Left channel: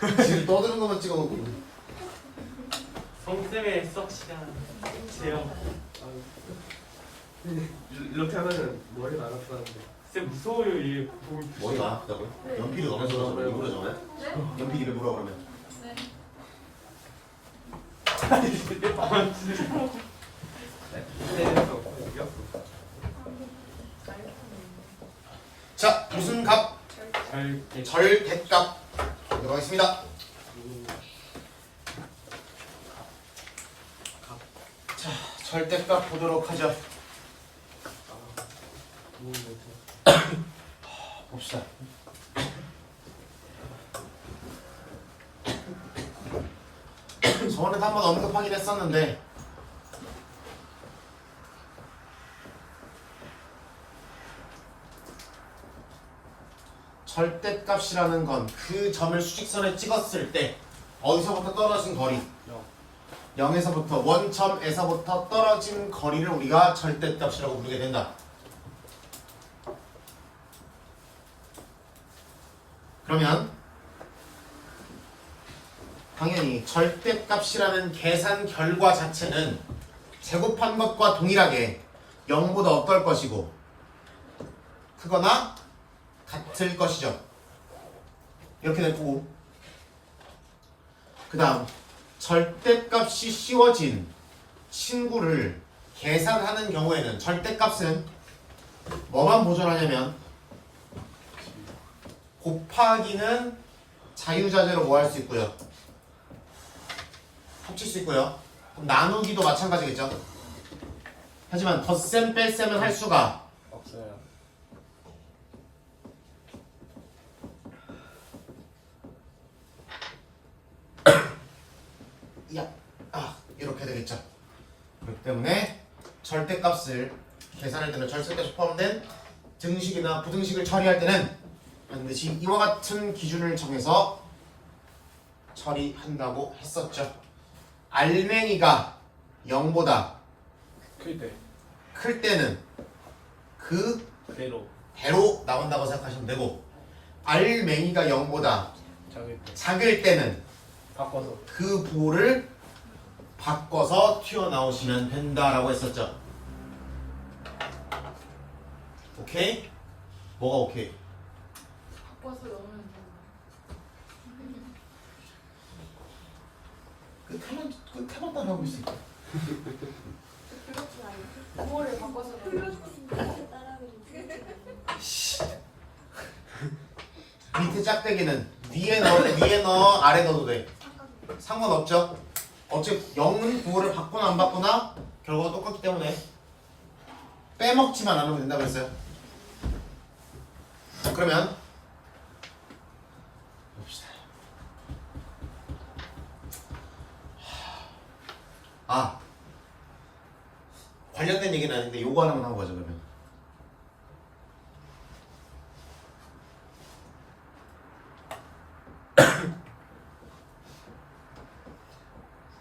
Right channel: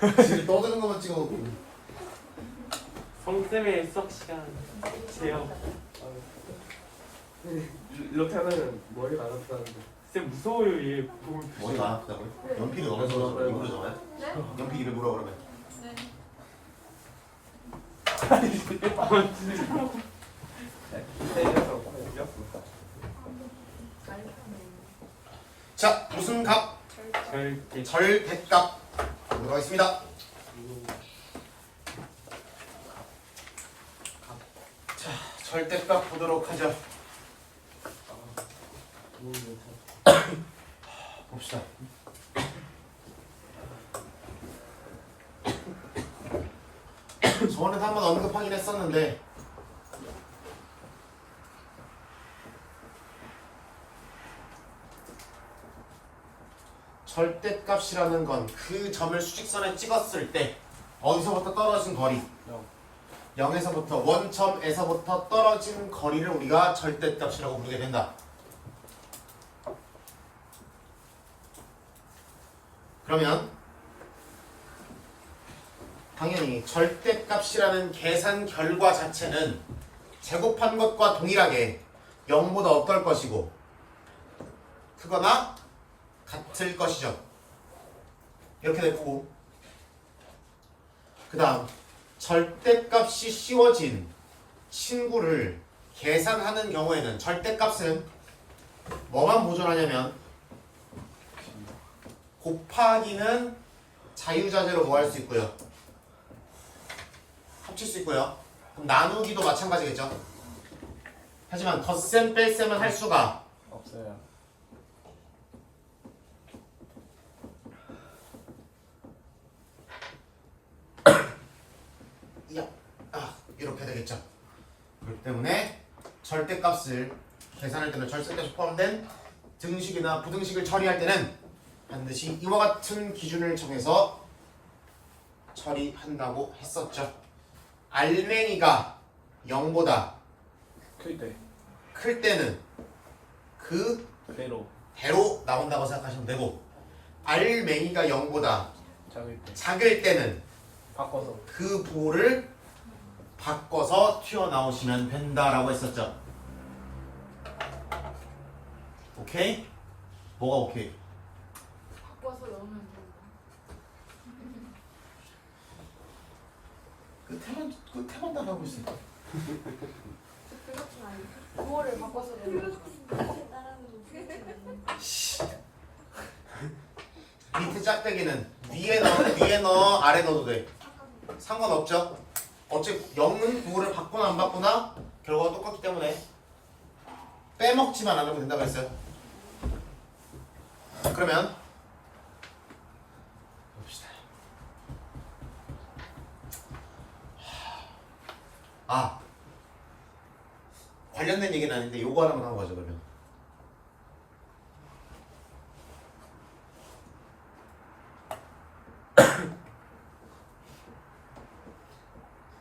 지금 떠드는 것만 찍어놓고. 성쌤의 수학 시간 제형. 이렇게 하면은 머리가 안 아프다는데. 쌤 무서워요 얘. 몸을 머리가 안 아프다고요? 연필이 너무 져서 일부러 정해요? 연필 입에 물어 그러면. 자, 무슨 값? 절대. 절대값 보도록 하겠습니다. 자, 절대값 보도록 하죠. 봅시다. 저번에도 한번 언급하긴 했었는데 절대값이라는 건 그 점을 수직선에 찍었을 때 어디서부터 떨어진 거리 0에서부터 원점에서부터 떨어진 거리를 우리가 절대값이라고 부르게 된다. 그러면 당연히 절대값이라는 계산 결과 자체는 제곱한 것과 동일하게 0보다 어떨 것이고 크거나 같을 것이죠. 이렇게 됐고 그 다음 절대값이 씌워진 친구를 계산하는 경우에는 절대값은 뭐만 보존하냐면 곱하기는 자유자재로 뭐 할 수 있고요. 합칠 수 있고요. 그럼 나누기도 마찬가지겠죠. 하지만 덧셈 뺄셈은 할 수가 없어요. 이렇게 되겠죠. 그렇기 때문에 절대값을 계산할 때는 절대값이 포함된 등식이나 부등식을 처리할 때는 반드시 이와 같은 기준을 정해서 처리한다고 했었죠. 알맹이가 0보다 클 때는 그 대로 나온다고 생각하시면 되고 알맹이가 0보다 작을 때는 바꿔서 그 부호를 바꿔서 튀어나오시면 된다라고 했었죠. 오케이? 뭐가 오케이? 바꿔서 넣으면 그 태만 따라하고 있어. 그렇진 않아요. 그거를 바꿔서 넣으면 밑에 짝대기는 위에 넣어 아래 넣어도 돼. 상관없죠. 어차피 0은 부호를 바꾸나 안 바꾸나 결과가 똑같기 때문에 빼먹지만 않으면 된다고 했어요. 그러면 봅시다. 관련된 얘기는 아닌데 요거 하나만 한 거죠. 그러면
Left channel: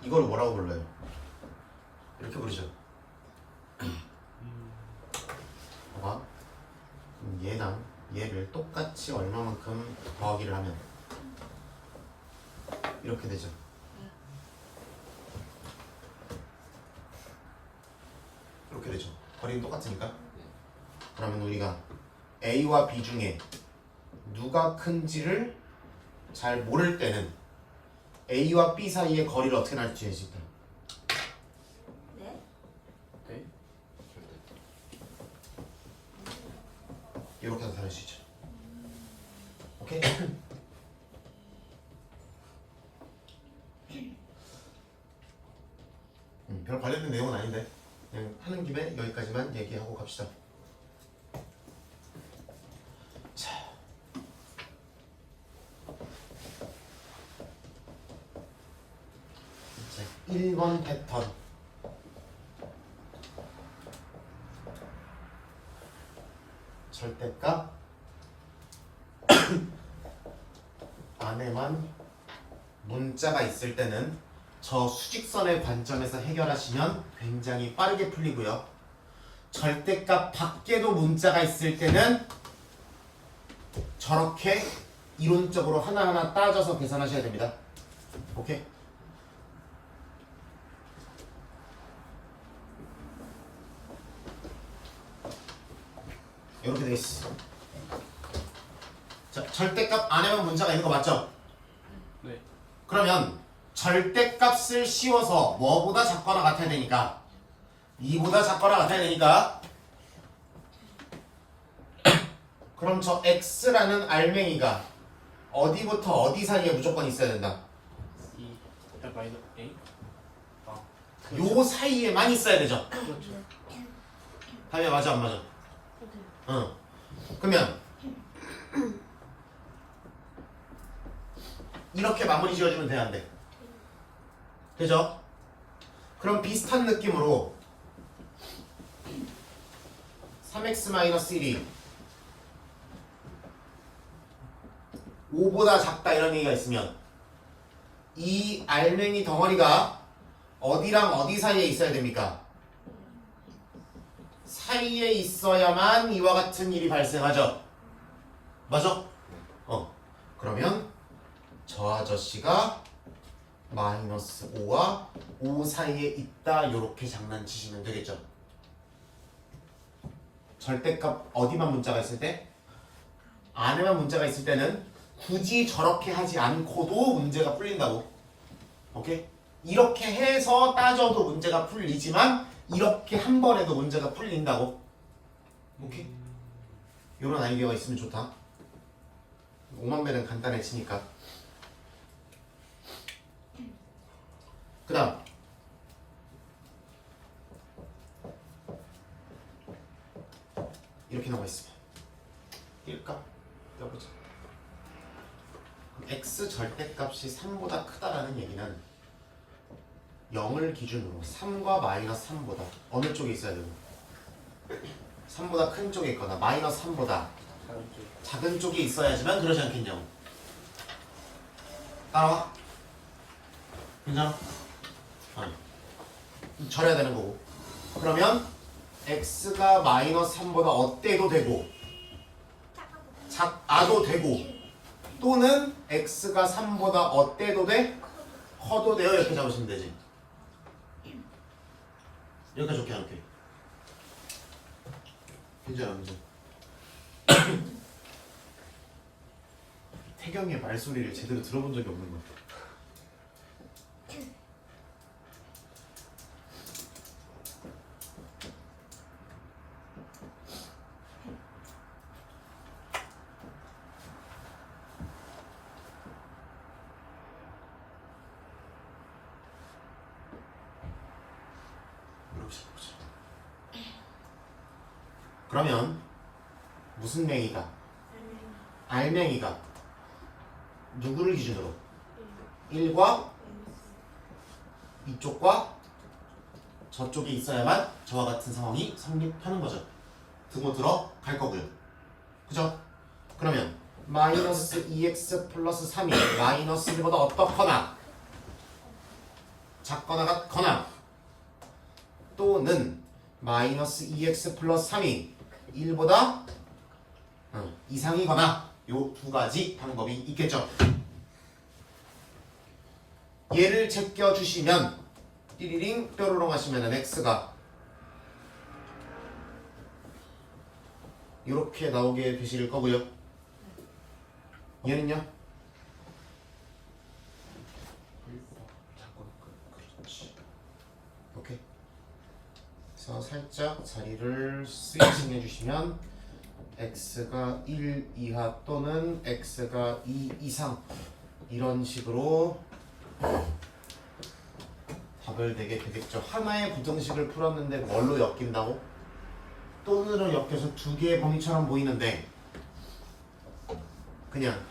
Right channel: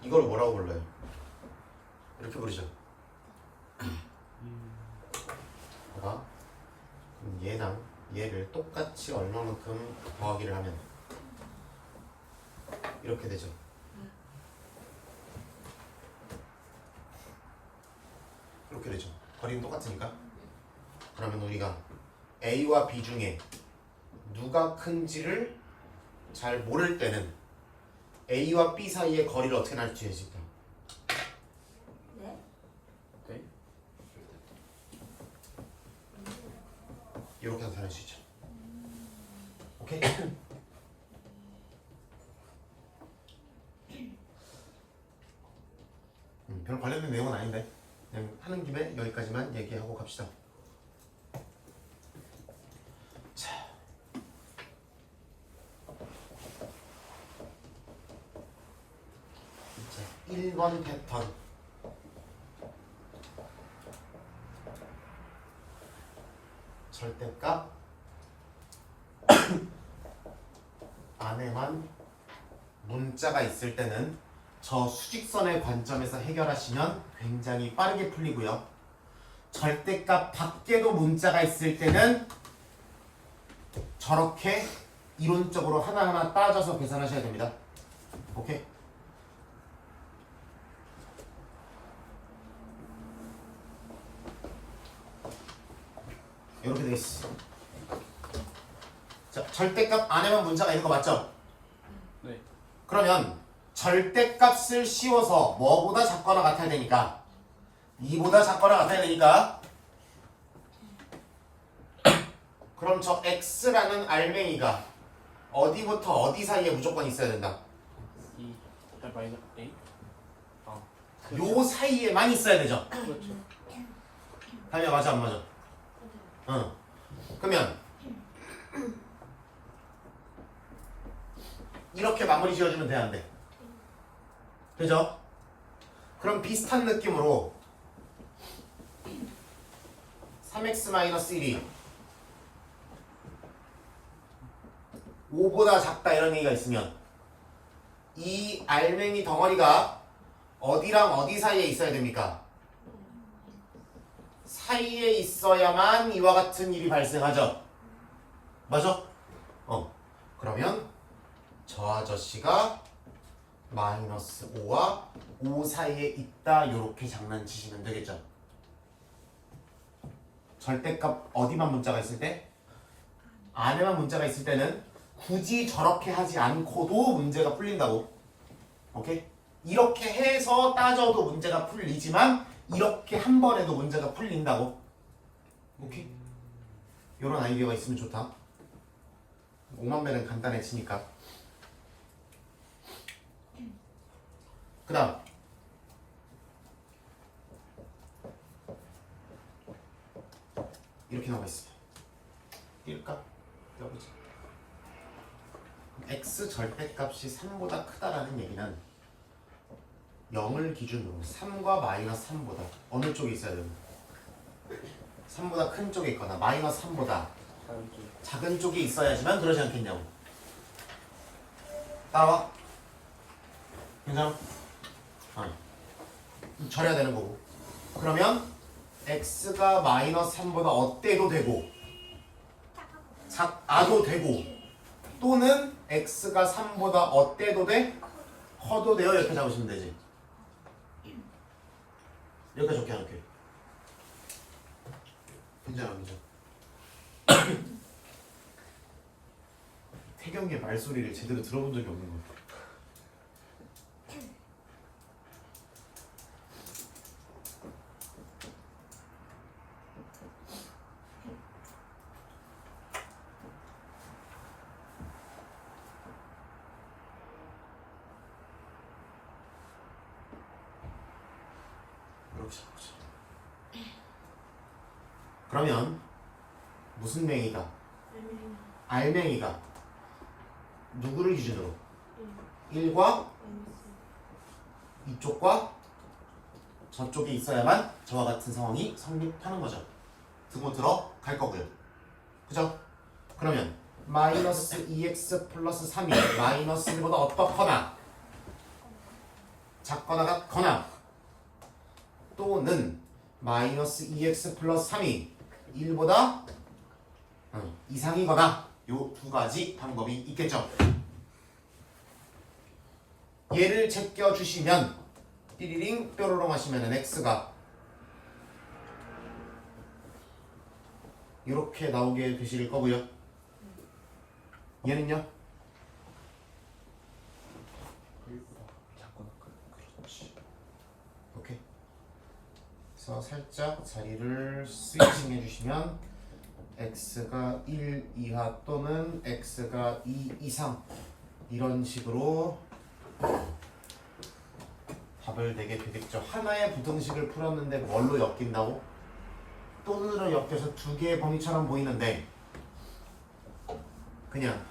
이걸 뭐라고 불러요? 이렇게 부르죠. 봐봐. 그럼 얘랑 얘를 똑같이 얼마만큼 더하기를 하면 이렇게 되죠. 이렇게 되죠. 거리는 똑같으니까. 그러면 우리가 A와 B 중에 누가 큰지를 잘 모를 때는 A와 B 사이의 거리를 어떻게 나타낼 수 있다? 네? 이렇게 나타낼 수 있죠. 오케이? 별 관련된 내용은 아닌데 그냥 하는 김에 여기까지만 얘기하고 갑시다. 자, 이제 1번 패턴 절대값 안에만 문자가 있을 때는 저 수직선의 관점에서 해결하시면 굉장히 빠르게 풀리고요. 절대값 밖에도 문자가 있을 때는 저렇게 이론적으로 하나하나 따져서 계산하셔야 됩니다. 오케이? 이렇게 되겠어. 자, 절대값 안에만 문자가 있는 거 맞죠? 네. 그러면 절대값을 씌워서 뭐보다 작거나 같아야 되니까 2보다 작거나 같아야 되니까 그럼 저 x라는 알맹이가 어디부터 어디 사이에 무조건 있어야 된다. 이 일단 마이너스 A. 아. 요 사이에만 있어야 되죠. 그렇죠. 다미야 맞아 안 맞아? 응. 그러면 이렇게 마무리 지어주면 돼야 안 돼? 되죠? 그럼 비슷한 느낌으로 3x-1이 5보다 작다 이런 얘기가 있으면 이 알맹이 덩어리가 어디랑 어디 사이에 있어야 됩니까? 사이에 있어야만 이와 같은 일이 발생하죠. 맞아? 그러면 저 아저씨가 마이너스 5와 5 사이에 있다 이렇게 장난치시면 되겠죠. 절대값 어디만 문자가 있을 때? 안에만 문자가 있을 때는 굳이 저렇게 하지 않고도 문제가 풀린다고. 오케이? 이렇게 해서 따져도 문제가 풀리지만 이렇게 한 번에도 문제가 풀린다고. 오케이? 이런 아이디어가 있으면 좋다. 5만 배는 간단해지니까. 그 다음 이렇게 나와 있으면 뛸까? 떠보자. x 절대값이 3보다 크다라는 얘기는 0을 기준으로 3과 마이너스 3보다 어느 쪽에 있어야 됩니다. 3보다 큰 쪽에 있거나 마이너스 3보다 다른 쪽. 작은 쪽에 있어야지만 그러지 않겠냐고. 따라와. 괜찮아? 절여야 되는 거고. 그러면 x가 마이너스 3보다 어때도 되고 작아도 되고 또는 x가 3보다 어때도 돼? 커도 돼요. 이렇게 잡으시면 되지. 여기까지 좋게 할게. 괜찮아, 괜찮아. 태경이의 말소리를 제대로 들어본 적이 없는 것 같아. 그러면 무슨 맹이다? 알맹이가 누구를 기준으로? 1과 이쪽과 저쪽에 있어야만 저와 같은 상황이 성립하는 거죠. 등호 들어갈 거고요. 그죠? 그러면 마이너스 2x 플러스 3이 마이너스 1보다 어떻거나 작거나 같거나 또는 마이너스 2x 플러스 3이 1보다 이상이거나 요 두 가지 방법이 있겠죠. 얘를 제껴주시면 띠리링 뾰로롱 하시면 x가 이렇게 나오게 되실 거고요. 얘는요? 작거나 그렇지. 오케이. 그래서 살짝 자리를 스위칭 해주시면 x가 1 이하 또는 x가 2 이상 이런 식으로 답을 내게 되겠죠. 하나의 부등식을 풀었는데 뭘로 엮인다고? 또는으로 엮여서 두 개의 범위처럼 보이는데 그냥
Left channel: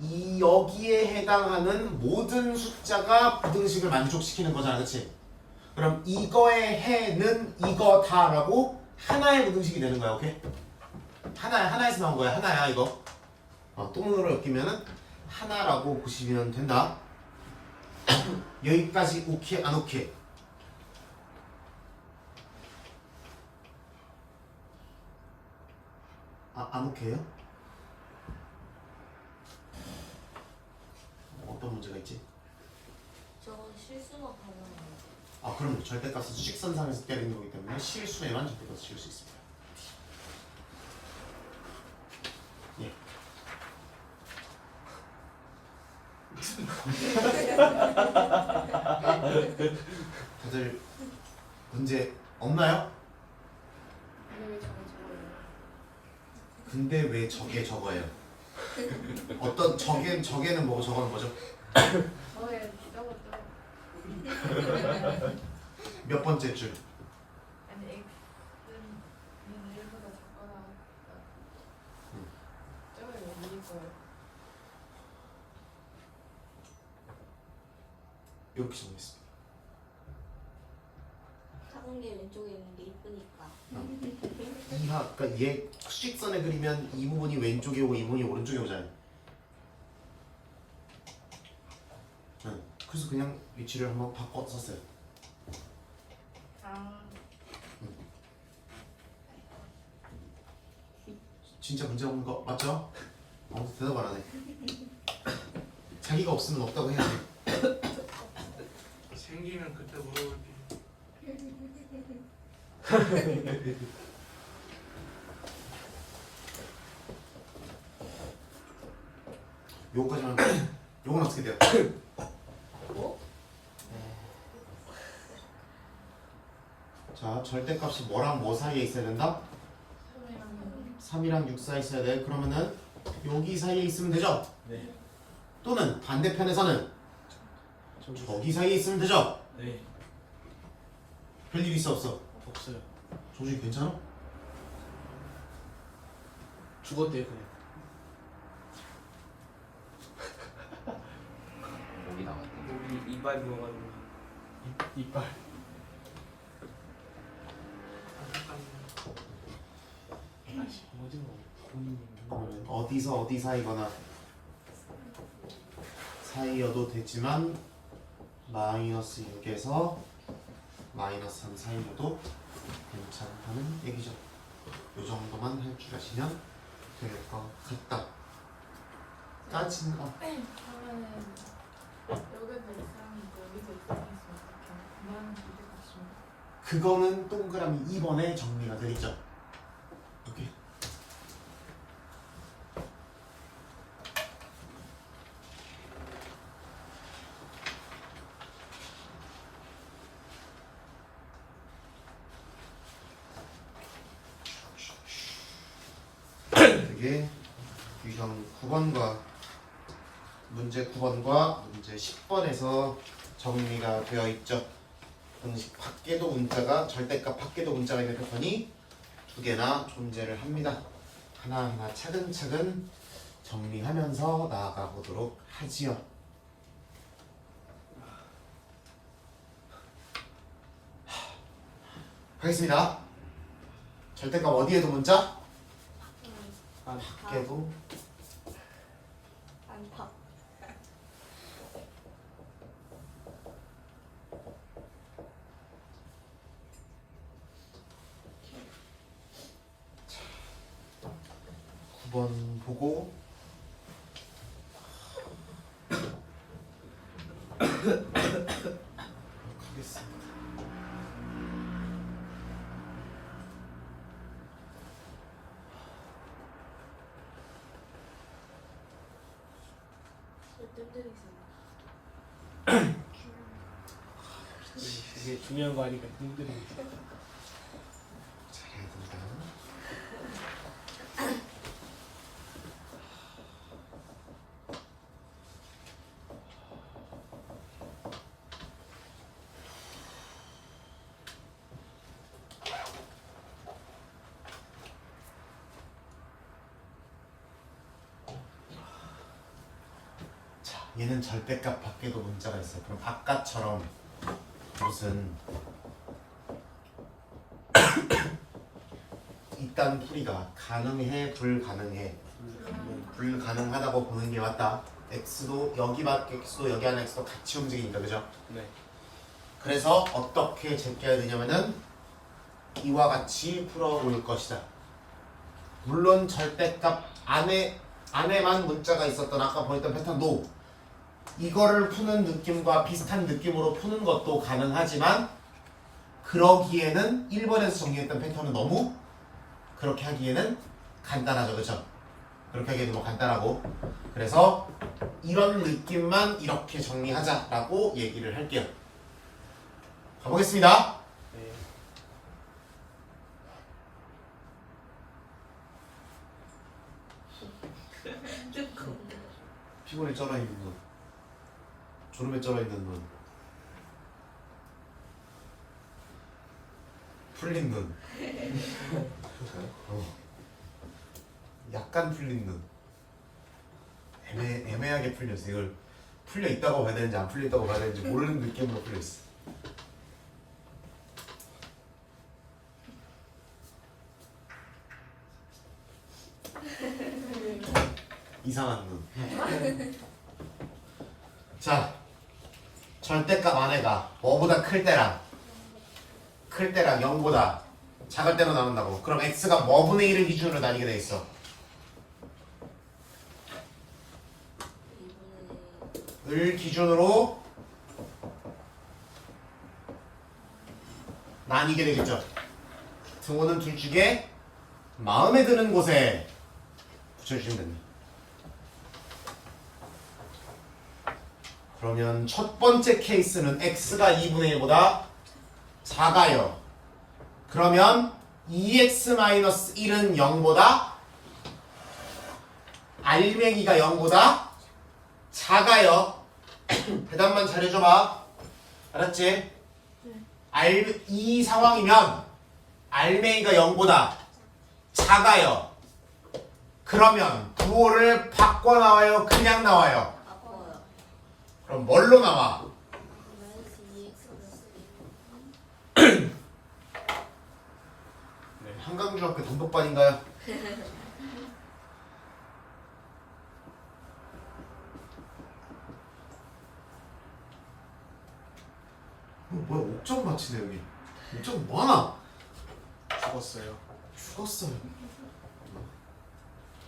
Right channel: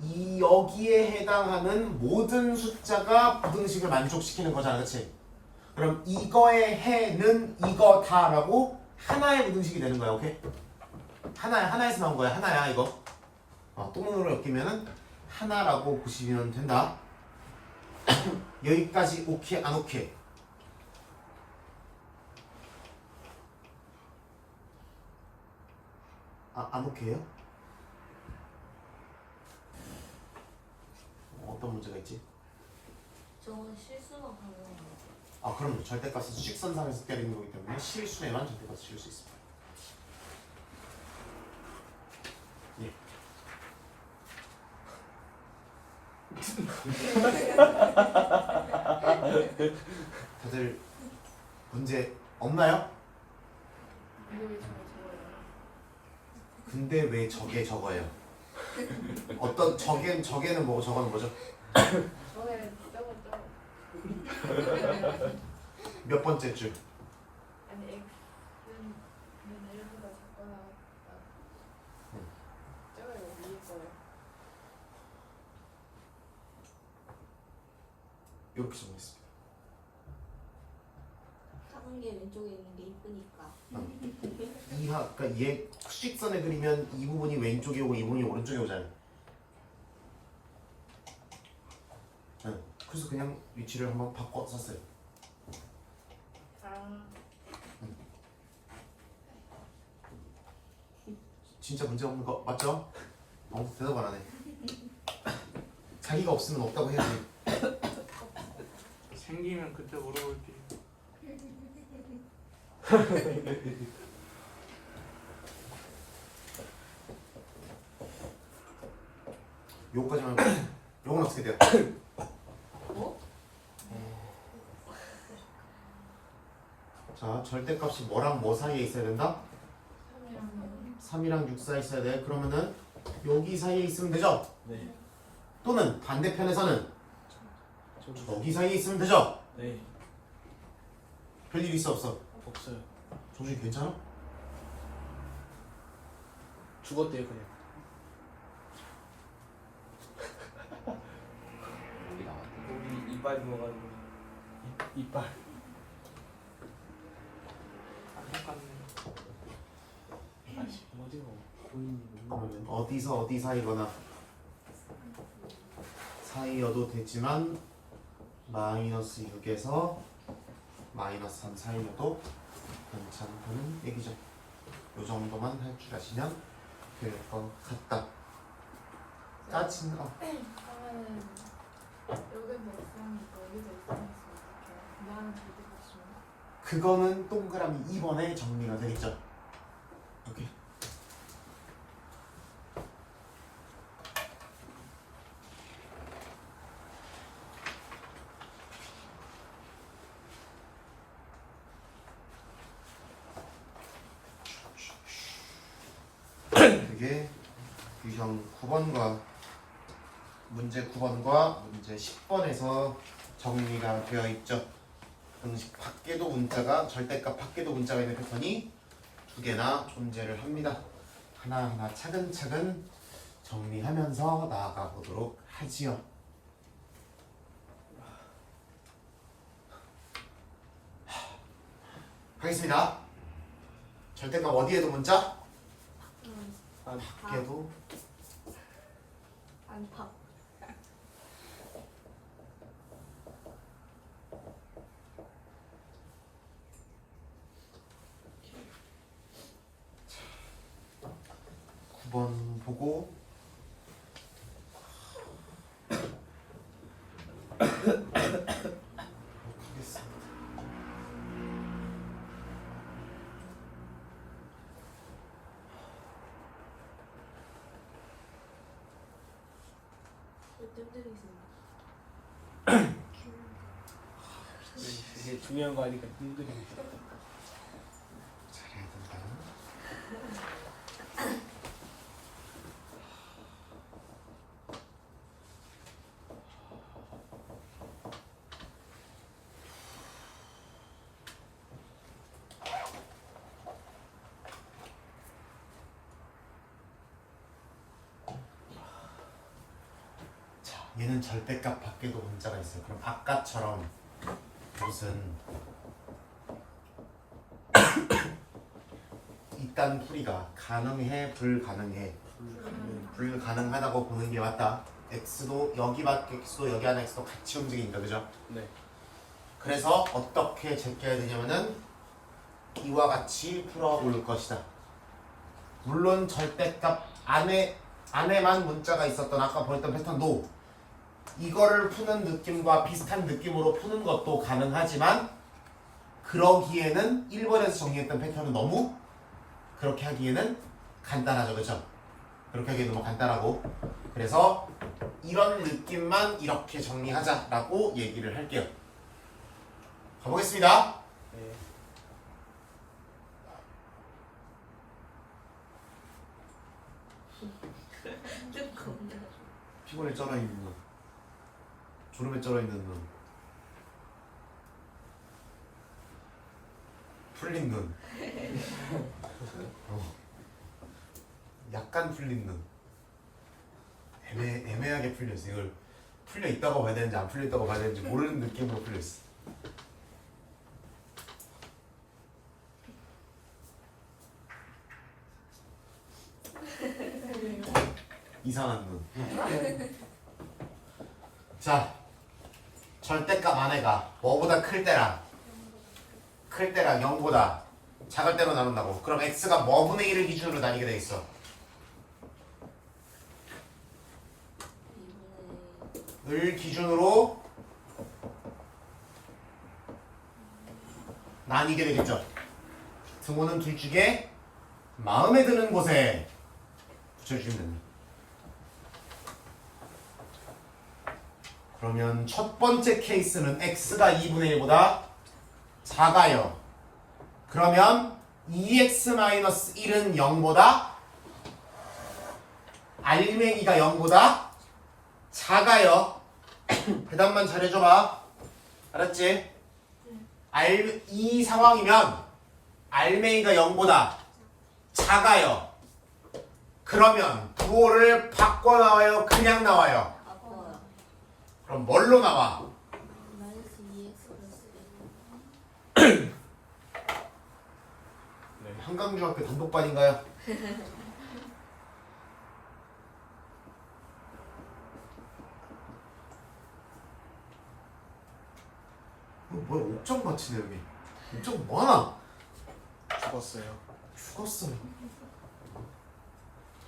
이 여기에 해당하는 모든 숫자가 부등식을 만족시키는 거잖아, 그치? 그럼 이거의 해는 이거다라고 하나의 부등식이 되는 거야, 오케이? 하나에서 나온 거야, 하나야 이거. 또는으로 엮이면은 하나라고 보시면 된다. 여기까지 오케이 안 오케이? 안 오케이요? 어떤 문제가 있지? 저건 실수만 가능한 아 그럼요. 절대값은 수직선상에서 때리는 거기 때문에 실수에만 절대값을 지울 수 있습니다. 예. 다들 문제 없나요? 근데 왜 저걸 적어요? 근데 왜 어떤 저게는 뭐고 저거는 뭐죠? 저에 적었죠. 몇 번째 줄? 아니 X는 1보다 작거나 저걸 왜 위에 거예요? 이렇게 적어있습니다. 작은 게 왼쪽에 있는 게 이쁘니까. 그러니까 얘 수직선에 그리면 이 부분이 왼쪽에 오고 이 부분이 오른쪽에 오잖아요. 응. 그래서 그냥 위치를 한번 바꿔 썼어요. 아, 진짜 문제 없는 거 맞죠? 아무도 대답 안 하네. 자기가 없으면 없다고 해야지. 생기면 그때 물어볼게. 요거까지만. 요건 어떻게 돼요? 뭐? 자, 절대값이 뭐랑 뭐 사이에 있어야 된다? 3이랑 6 사이에 있어야 돼. 그러면은 여기 사이에 있으면 되죠? 네. 또는 반대편에서는 저기 사이에 있으면 되죠? 네. 별일 있어 없어? 없어요. 정준이 괜찮아? 죽었대요 그냥. 목이 나왔대. 여기 이빨 넣어가지고. 이빨. 아씨 뭐지 뭐. 그러면 어디서 어디 사이거나 사이여도 되지만 마이너스 6에서 마이너스 3 사이여도 괜찮다는 얘기죠. 요 정도만 할 줄 아시면 될 것 같다. 짜증 나. 그러면은 여기서 X형이고 여기서 X형이었으면 어떡해요? 나는 절대값이면 그거는 동그라미 2번에 정리가 되겠죠. 오케이. 이게 유형 9번과 문제 9번과 문제 10번에서 정리가 되어 있죠. 공식 밖에도 문자가 절대값 밖에도 문자가 있는 패턴이 두 개나 존재를 합니다. 하나하나 차근차근 정리하면서 나아가 보도록 하지요. 가겠습니다. 절대값 어디에도 문자? 밖에도 안팎. 번 보고 하겠습니다. 뜸들이 있어. 이게 중요한 거 아니까 힘들어. 잘해야 된다. 자, 얘는 절대값 밖에도 문자가 있어요. 그럼 아까처럼 무슨 이딴 풀이가 가능해 불가능해 불가능하다고 보는 게 맞다. x도 여기 x도 여기 안에 x도 같이 움직이니까 그죠? 네. 그래서 어떻게 제껴야 되냐면은 이와 같이 풀어올 것이다. 물론 절대값 안에만 문자가 있었던 아까 보였던 패턴도 이거를 푸는 느낌과 비슷한 느낌으로 푸는 것도 가능하지만 그러기에는 1번에서 정리했던 패턴은 너무 그렇게 하기에는 간단하죠. 그렇죠? 그렇게 하기에는 너무 간단하고 그래서 이런 느낌만 이렇게 정리하자라고 얘기를 할게요. 가보겠습니다. 네. 조금. 피곤에 쩔어있는 눈, 졸음에 쩔어있는 눈, 풀린 눈, 약간 풀린 눈, 애매하게 풀렸어. 이걸 풀려 있다고 봐야 되는지 안 풀려 있다고 봐야 되는지 모르는 느낌으로 풀려 있어. 이상한 눈. 자, 절대값 안에가 뭐보다 클 때랑 0보다 작을 때만 나온다고. 그럼 x가 뭐분의 1을 기준으로 나뉘게 돼 있어. 을 기준으로 나뉘게 되겠죠. 등호는 둘 중에 마음에 드는 곳에 붙여주시면 됩니다. 그러면 첫 번째 케이스는 x가 2분의 1보다 작아요. 그러면 2x-1은 0보다 알맹이가 0보다 작아요. 대답만 잘해줘봐. 알았지? 이 상황이면 알맹이가 0보다 작아요. 그러면 부호를 바꿔 나와요? 그냥 나와요? 바꿔요. 그럼 뭘로 나와? 마이너스 2x 네. 한강중학교 단독반인가요? 뭐야 옥점 맞히네 여기. 옥점 뭐하나? 죽었어요. 죽었어요.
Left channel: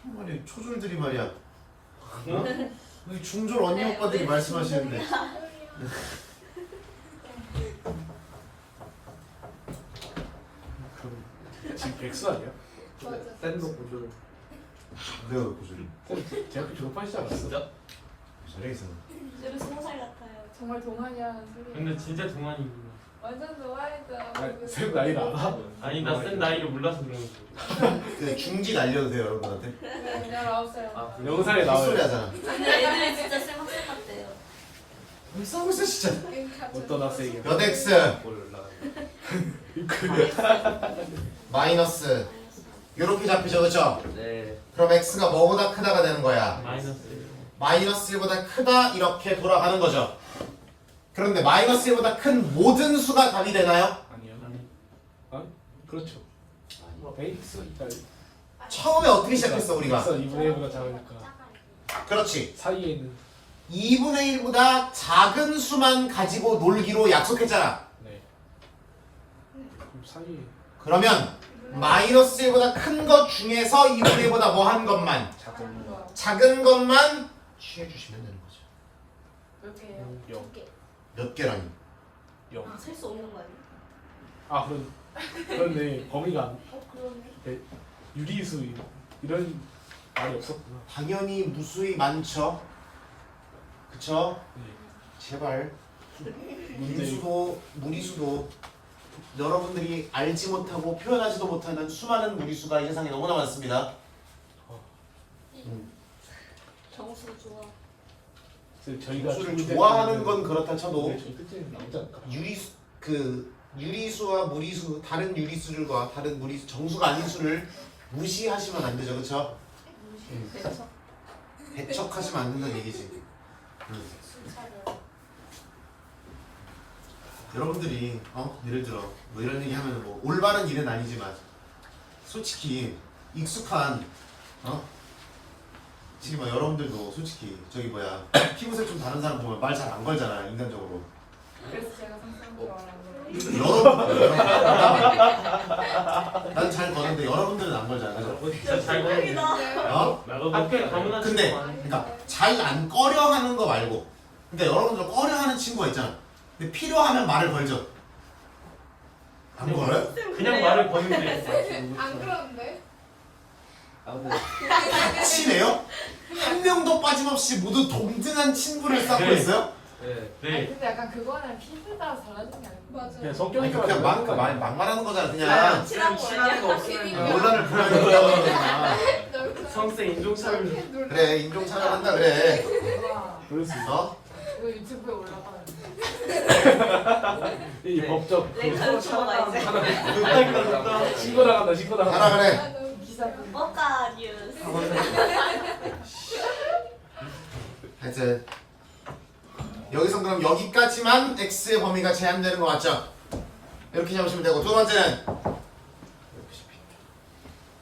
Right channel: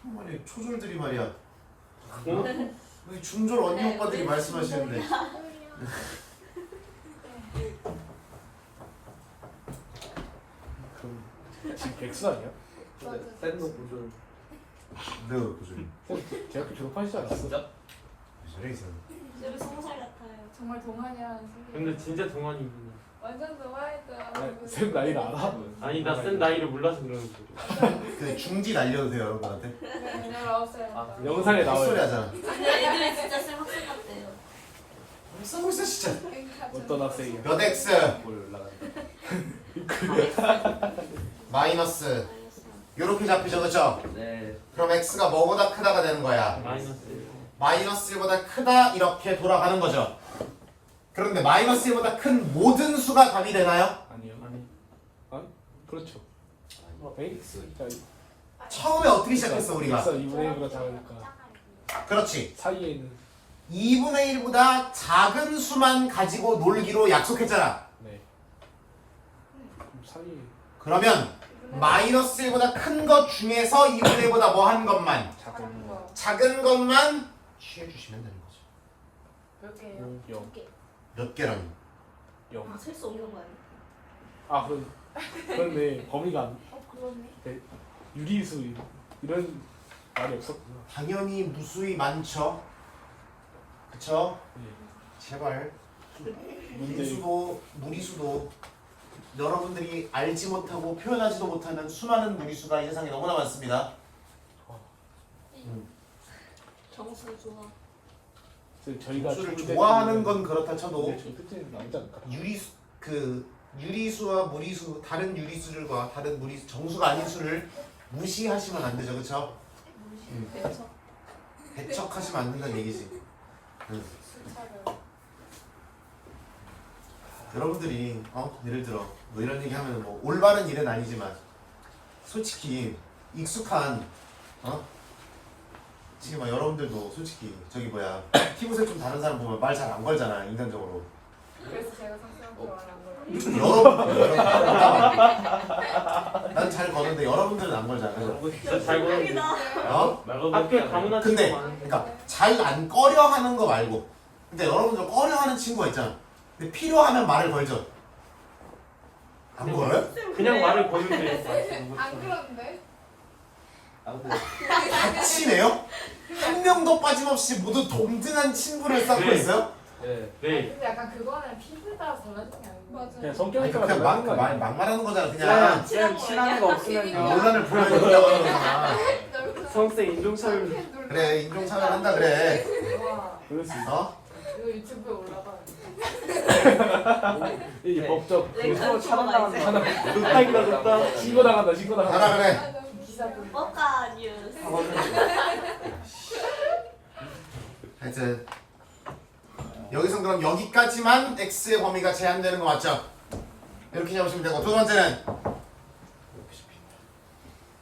정말 초졸들이 말이야. 어? 여기 중졸 언니 오빠들이 말씀하시는데. 그럼 지금 백수 아니야? 맞아. 샌도 보조. 내가 왜 고졸이? 쌤 대학교 졸업하시지 않았어? 진짜? 저래 있어. 쌤이 20살 같아요. 정말 동안이라는 소리야. 근데 진짜 동안이구나. 완전 동안이죠. 아니, 쌤 나이를 알아? 아니 나 쌤 나이를 몰라서 그러는 거지. 그 중지 날려도 돼요 여러분한테. 네, 그냥 나오세요. 아, 영상에 헛소리 나와요. 하잖아. 근데 애들이 진짜 쌤 학생 같대요. 왜 싸우고 있어 진짜. 어떤 학생이요? 몇 x 올라간다. 마이너스 이렇게 잡히죠 그쵸? 네. 그럼 x가 뭐보다 크다가 되는 거야. 마이너스 1보다 크다 이렇게 돌아가는 거죠. 그런데 마이너스 1보다 큰 모든 수가 답이 되나요? 아니요. 1. 아니? 그렇죠. X니까 처음에 어떻게 시작했어 우리가? X가 2분의 1보다 작으니까 그렇지. 사이에는 2분의 1보다 작은 수만 가지고 놀기로 약속했잖아. 네. 그럼 사이에 그러면 마이너스 1보다 큰 것 중에서 2분의 1보다 뭐 한 것만 작은 거 작은 것만 취해주시면 되는 거죠. 몇 개예요? 0. 몇 개라니? 0. 아, 셀 수 없는 거 아니에요? 아 그런데 범위가 안 그러네. 유리수 이런 말이 없었구나. 당연히 무수히 많죠. 그쵸? 네. 제발 문제 무리수도 무리수도 여러분들이 알지 못하고 표현하지도 못하는 수많은 무리수가 이 세상에 너무나 많습니다. 정수 좋아. 저희가 수를 문제 좋아하는 때문에- 건 그렇다 쳐도 네, 저희 끝에는 나오지 않을까? 유리수와 무리수 다른 유리수들과 다른 무리수 정수가 아닌 수를 무시하시면 안 되죠, 그렇죠? 배척. 배척하시면 안 된다는 얘기지. 여러분들이 예를 들어 뭐 이런 얘기하면 뭐 올바른 일은 아니지만 솔직히 익숙한 지금 막 여러분들도 솔직히 저기 뭐야 피부색 좀 다른 사람 보면 말 잘 안 걸잖아 인간적으로. 그래서 제가 상상한 줄 알았는데. 난 잘 거는데 여러분들은 안 걸잖아요. 진짜 잘 보이네. 어? 학교에 가문화 근데 친구가 아니야. 그러니까 잘 안 꺼려 하는 거 말고, 근데 여러분들 꺼려 하는 친구가 있잖아. 근데 필요하면 말을 걸죠. 안 걸어요? 그냥 말을 거는데. 안 그러는데? 친해요? 한 명도 빠짐없이 모두 동등한 친분을 쌓고 네. 있어요? 네. 근데 약간 그거는 피부에 따라 달라지는 게 아니고. 그냥 맞아요. 성격이 아니, 그냥 막말하는 거잖아. 그냥 친한 거 없으면 논란을 불러야 된다. 성세 인종차별. 그래, 인종차별한다 그래. 와, 그럴 수 있어. 어? 이거 유튜브에 올라가요. 이 법적 렉처를 쳐봐 이제. 그러니까 신고 나간다 신고 하나 나간다. 그래. 기사. 뭐가 뉴스. 하여튼 여기서 그럼 여기까지만 x의 범위가 제한되는 거 맞죠? 이렇게 잡으시면 되고, 두 번째는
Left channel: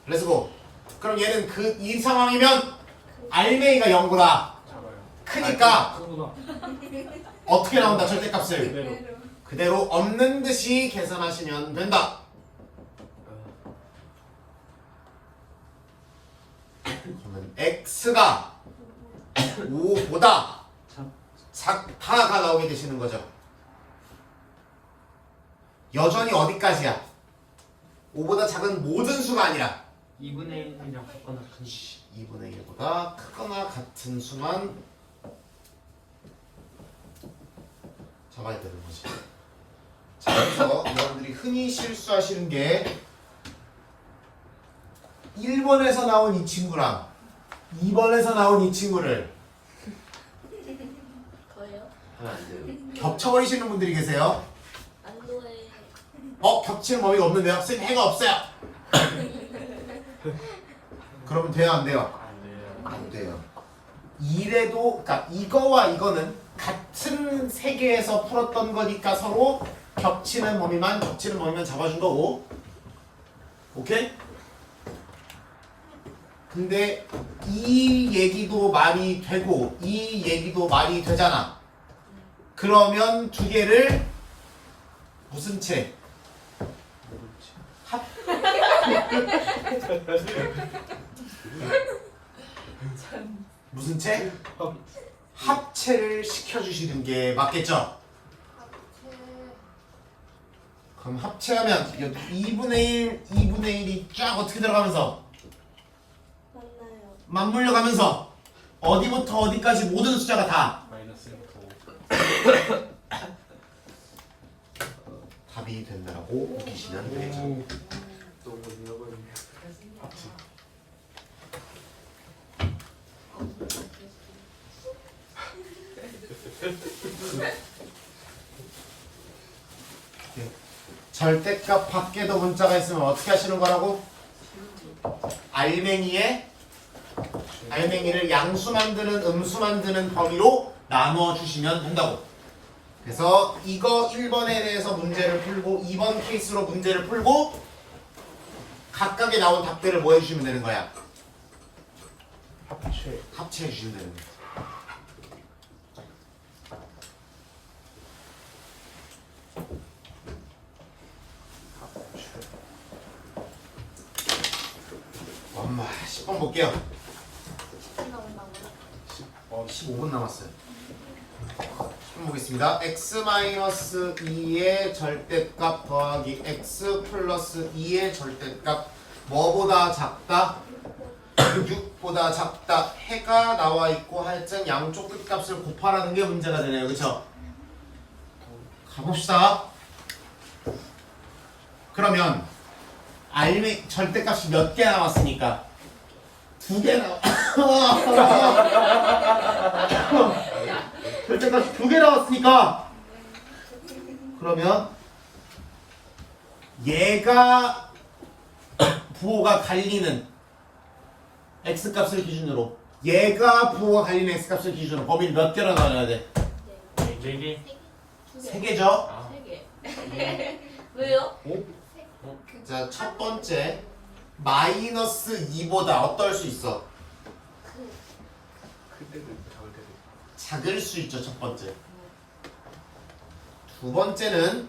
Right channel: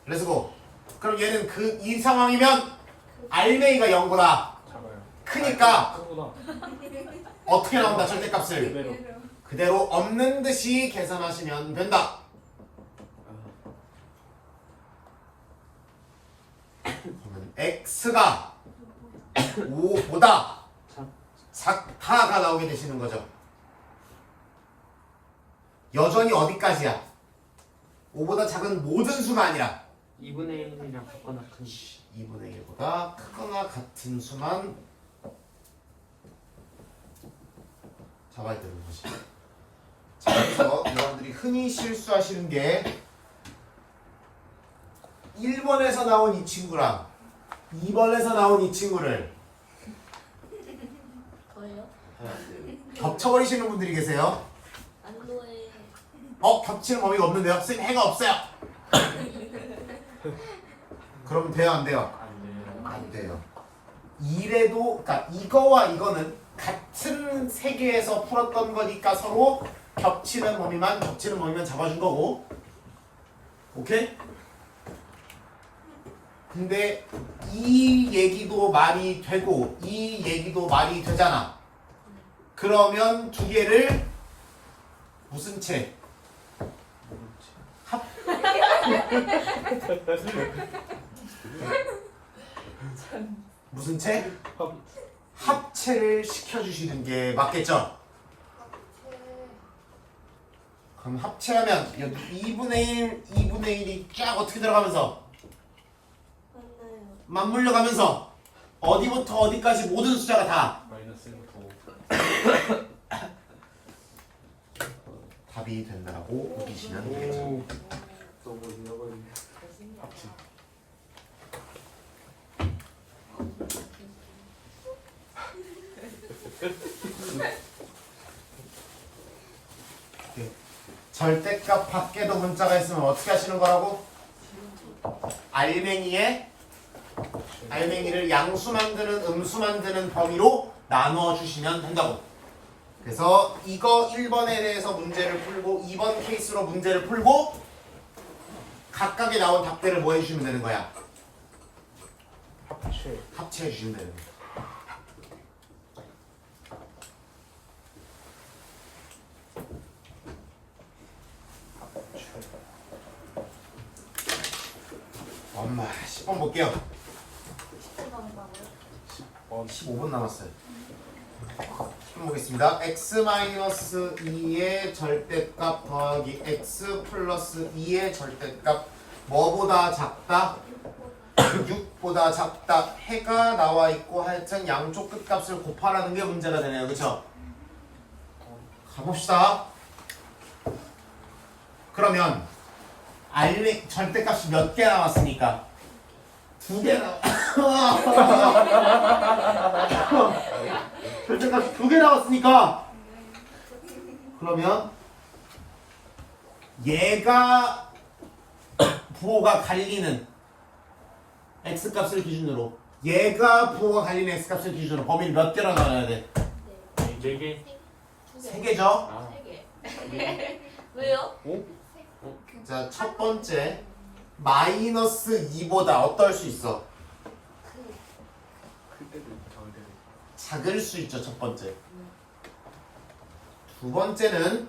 렛츠고. 그럼 얘는 이 상황이면 알맹이가 0보다 작아요. 크니까 크구나. 어떻게 나온다? 절대값을 그대로. 그대로 없는 듯이 계산하시면 된다. 그러면 x가 5보다 작다가 나오게 되시는 거죠. 여전히 어디까지야? 5보다 작은 모든 수가 아니라 2분의 1이랑 같거나 큰 2분의 1보다 크거나 같은 수만 잡아야 되는 거지. 자, 그래서 여러분들이 흔히 실수하시는 게 1번에서 나온 이 친구랑 2번에서 나온 이 친구를 더해요? 겹쳐버리시는 분들이 계세요. 안 더해. 겹치는 범위가 없는데요? 선생님 해가 없어요. 그럼 돼요, 안 돼요? 안 돼요. 이래도, 그러니까 이거와 이거는 같은 세계에서 풀었던 거니까 서로 겹치는 범위만 잡아준 거고, 오케이? 근데 이 얘기도 말이 되고 이 얘기도 말이 되잖아. 그러면 두 개를 무슨 채? 무슨 채? 합체를 시켜주시는 게 맞겠죠? 그럼 합체하면 여기 2분의 1, 2분의 1이 쫙 어떻게 들어가면서 맞나요? 맞물려 가면서 어디부터 어디까지 모든 숫자가 다 마이너스 1부터 5. 답이 된다라고 느끼시면 되겠죠. 너무 잃어버린. 합치. 절대값 밖에도 문자가 있으면 어떻게 하시는 거라고? 알맹이를 양수 만드는 음수 만드는 범위로 나누어 주시면 된다고. 그래서 이거 1번에 대해서 문제를 풀고 2번 케이스로 문제를 풀고 각각에 나온 답들을 뭐 해주시면 되는 거야? 합체해 주시면 되는 거야. 엄마 10번 볼게요. 15분 남았어요. 10번 보겠습니다. x-2의 절대값 더하기 x 플러스 2의 절대값 뭐보다 작다? 6보다 작다. 해가 나와 있고 하여튼 양쪽 끝값을 곱하라는 게 문제가 되네요. 그쵸? 가봅시다. 그러면 절대값이 몇 개 남았습니까? 2개 절대값이 2개 나왔으니까 그러면 얘가 부호가 갈리는 x값을 기준으로 얘가 부호가 갈리는 x값을 기준으로 범위를 몇 개로 나눠야 돼? 4개. 3개죠? 아. 3개. 왜요? 자, 첫 번째 마이너스 2보다 어떨 수 있어? 그때도 작을 때도. 작을 수 있죠. 첫 번째. 두 번째는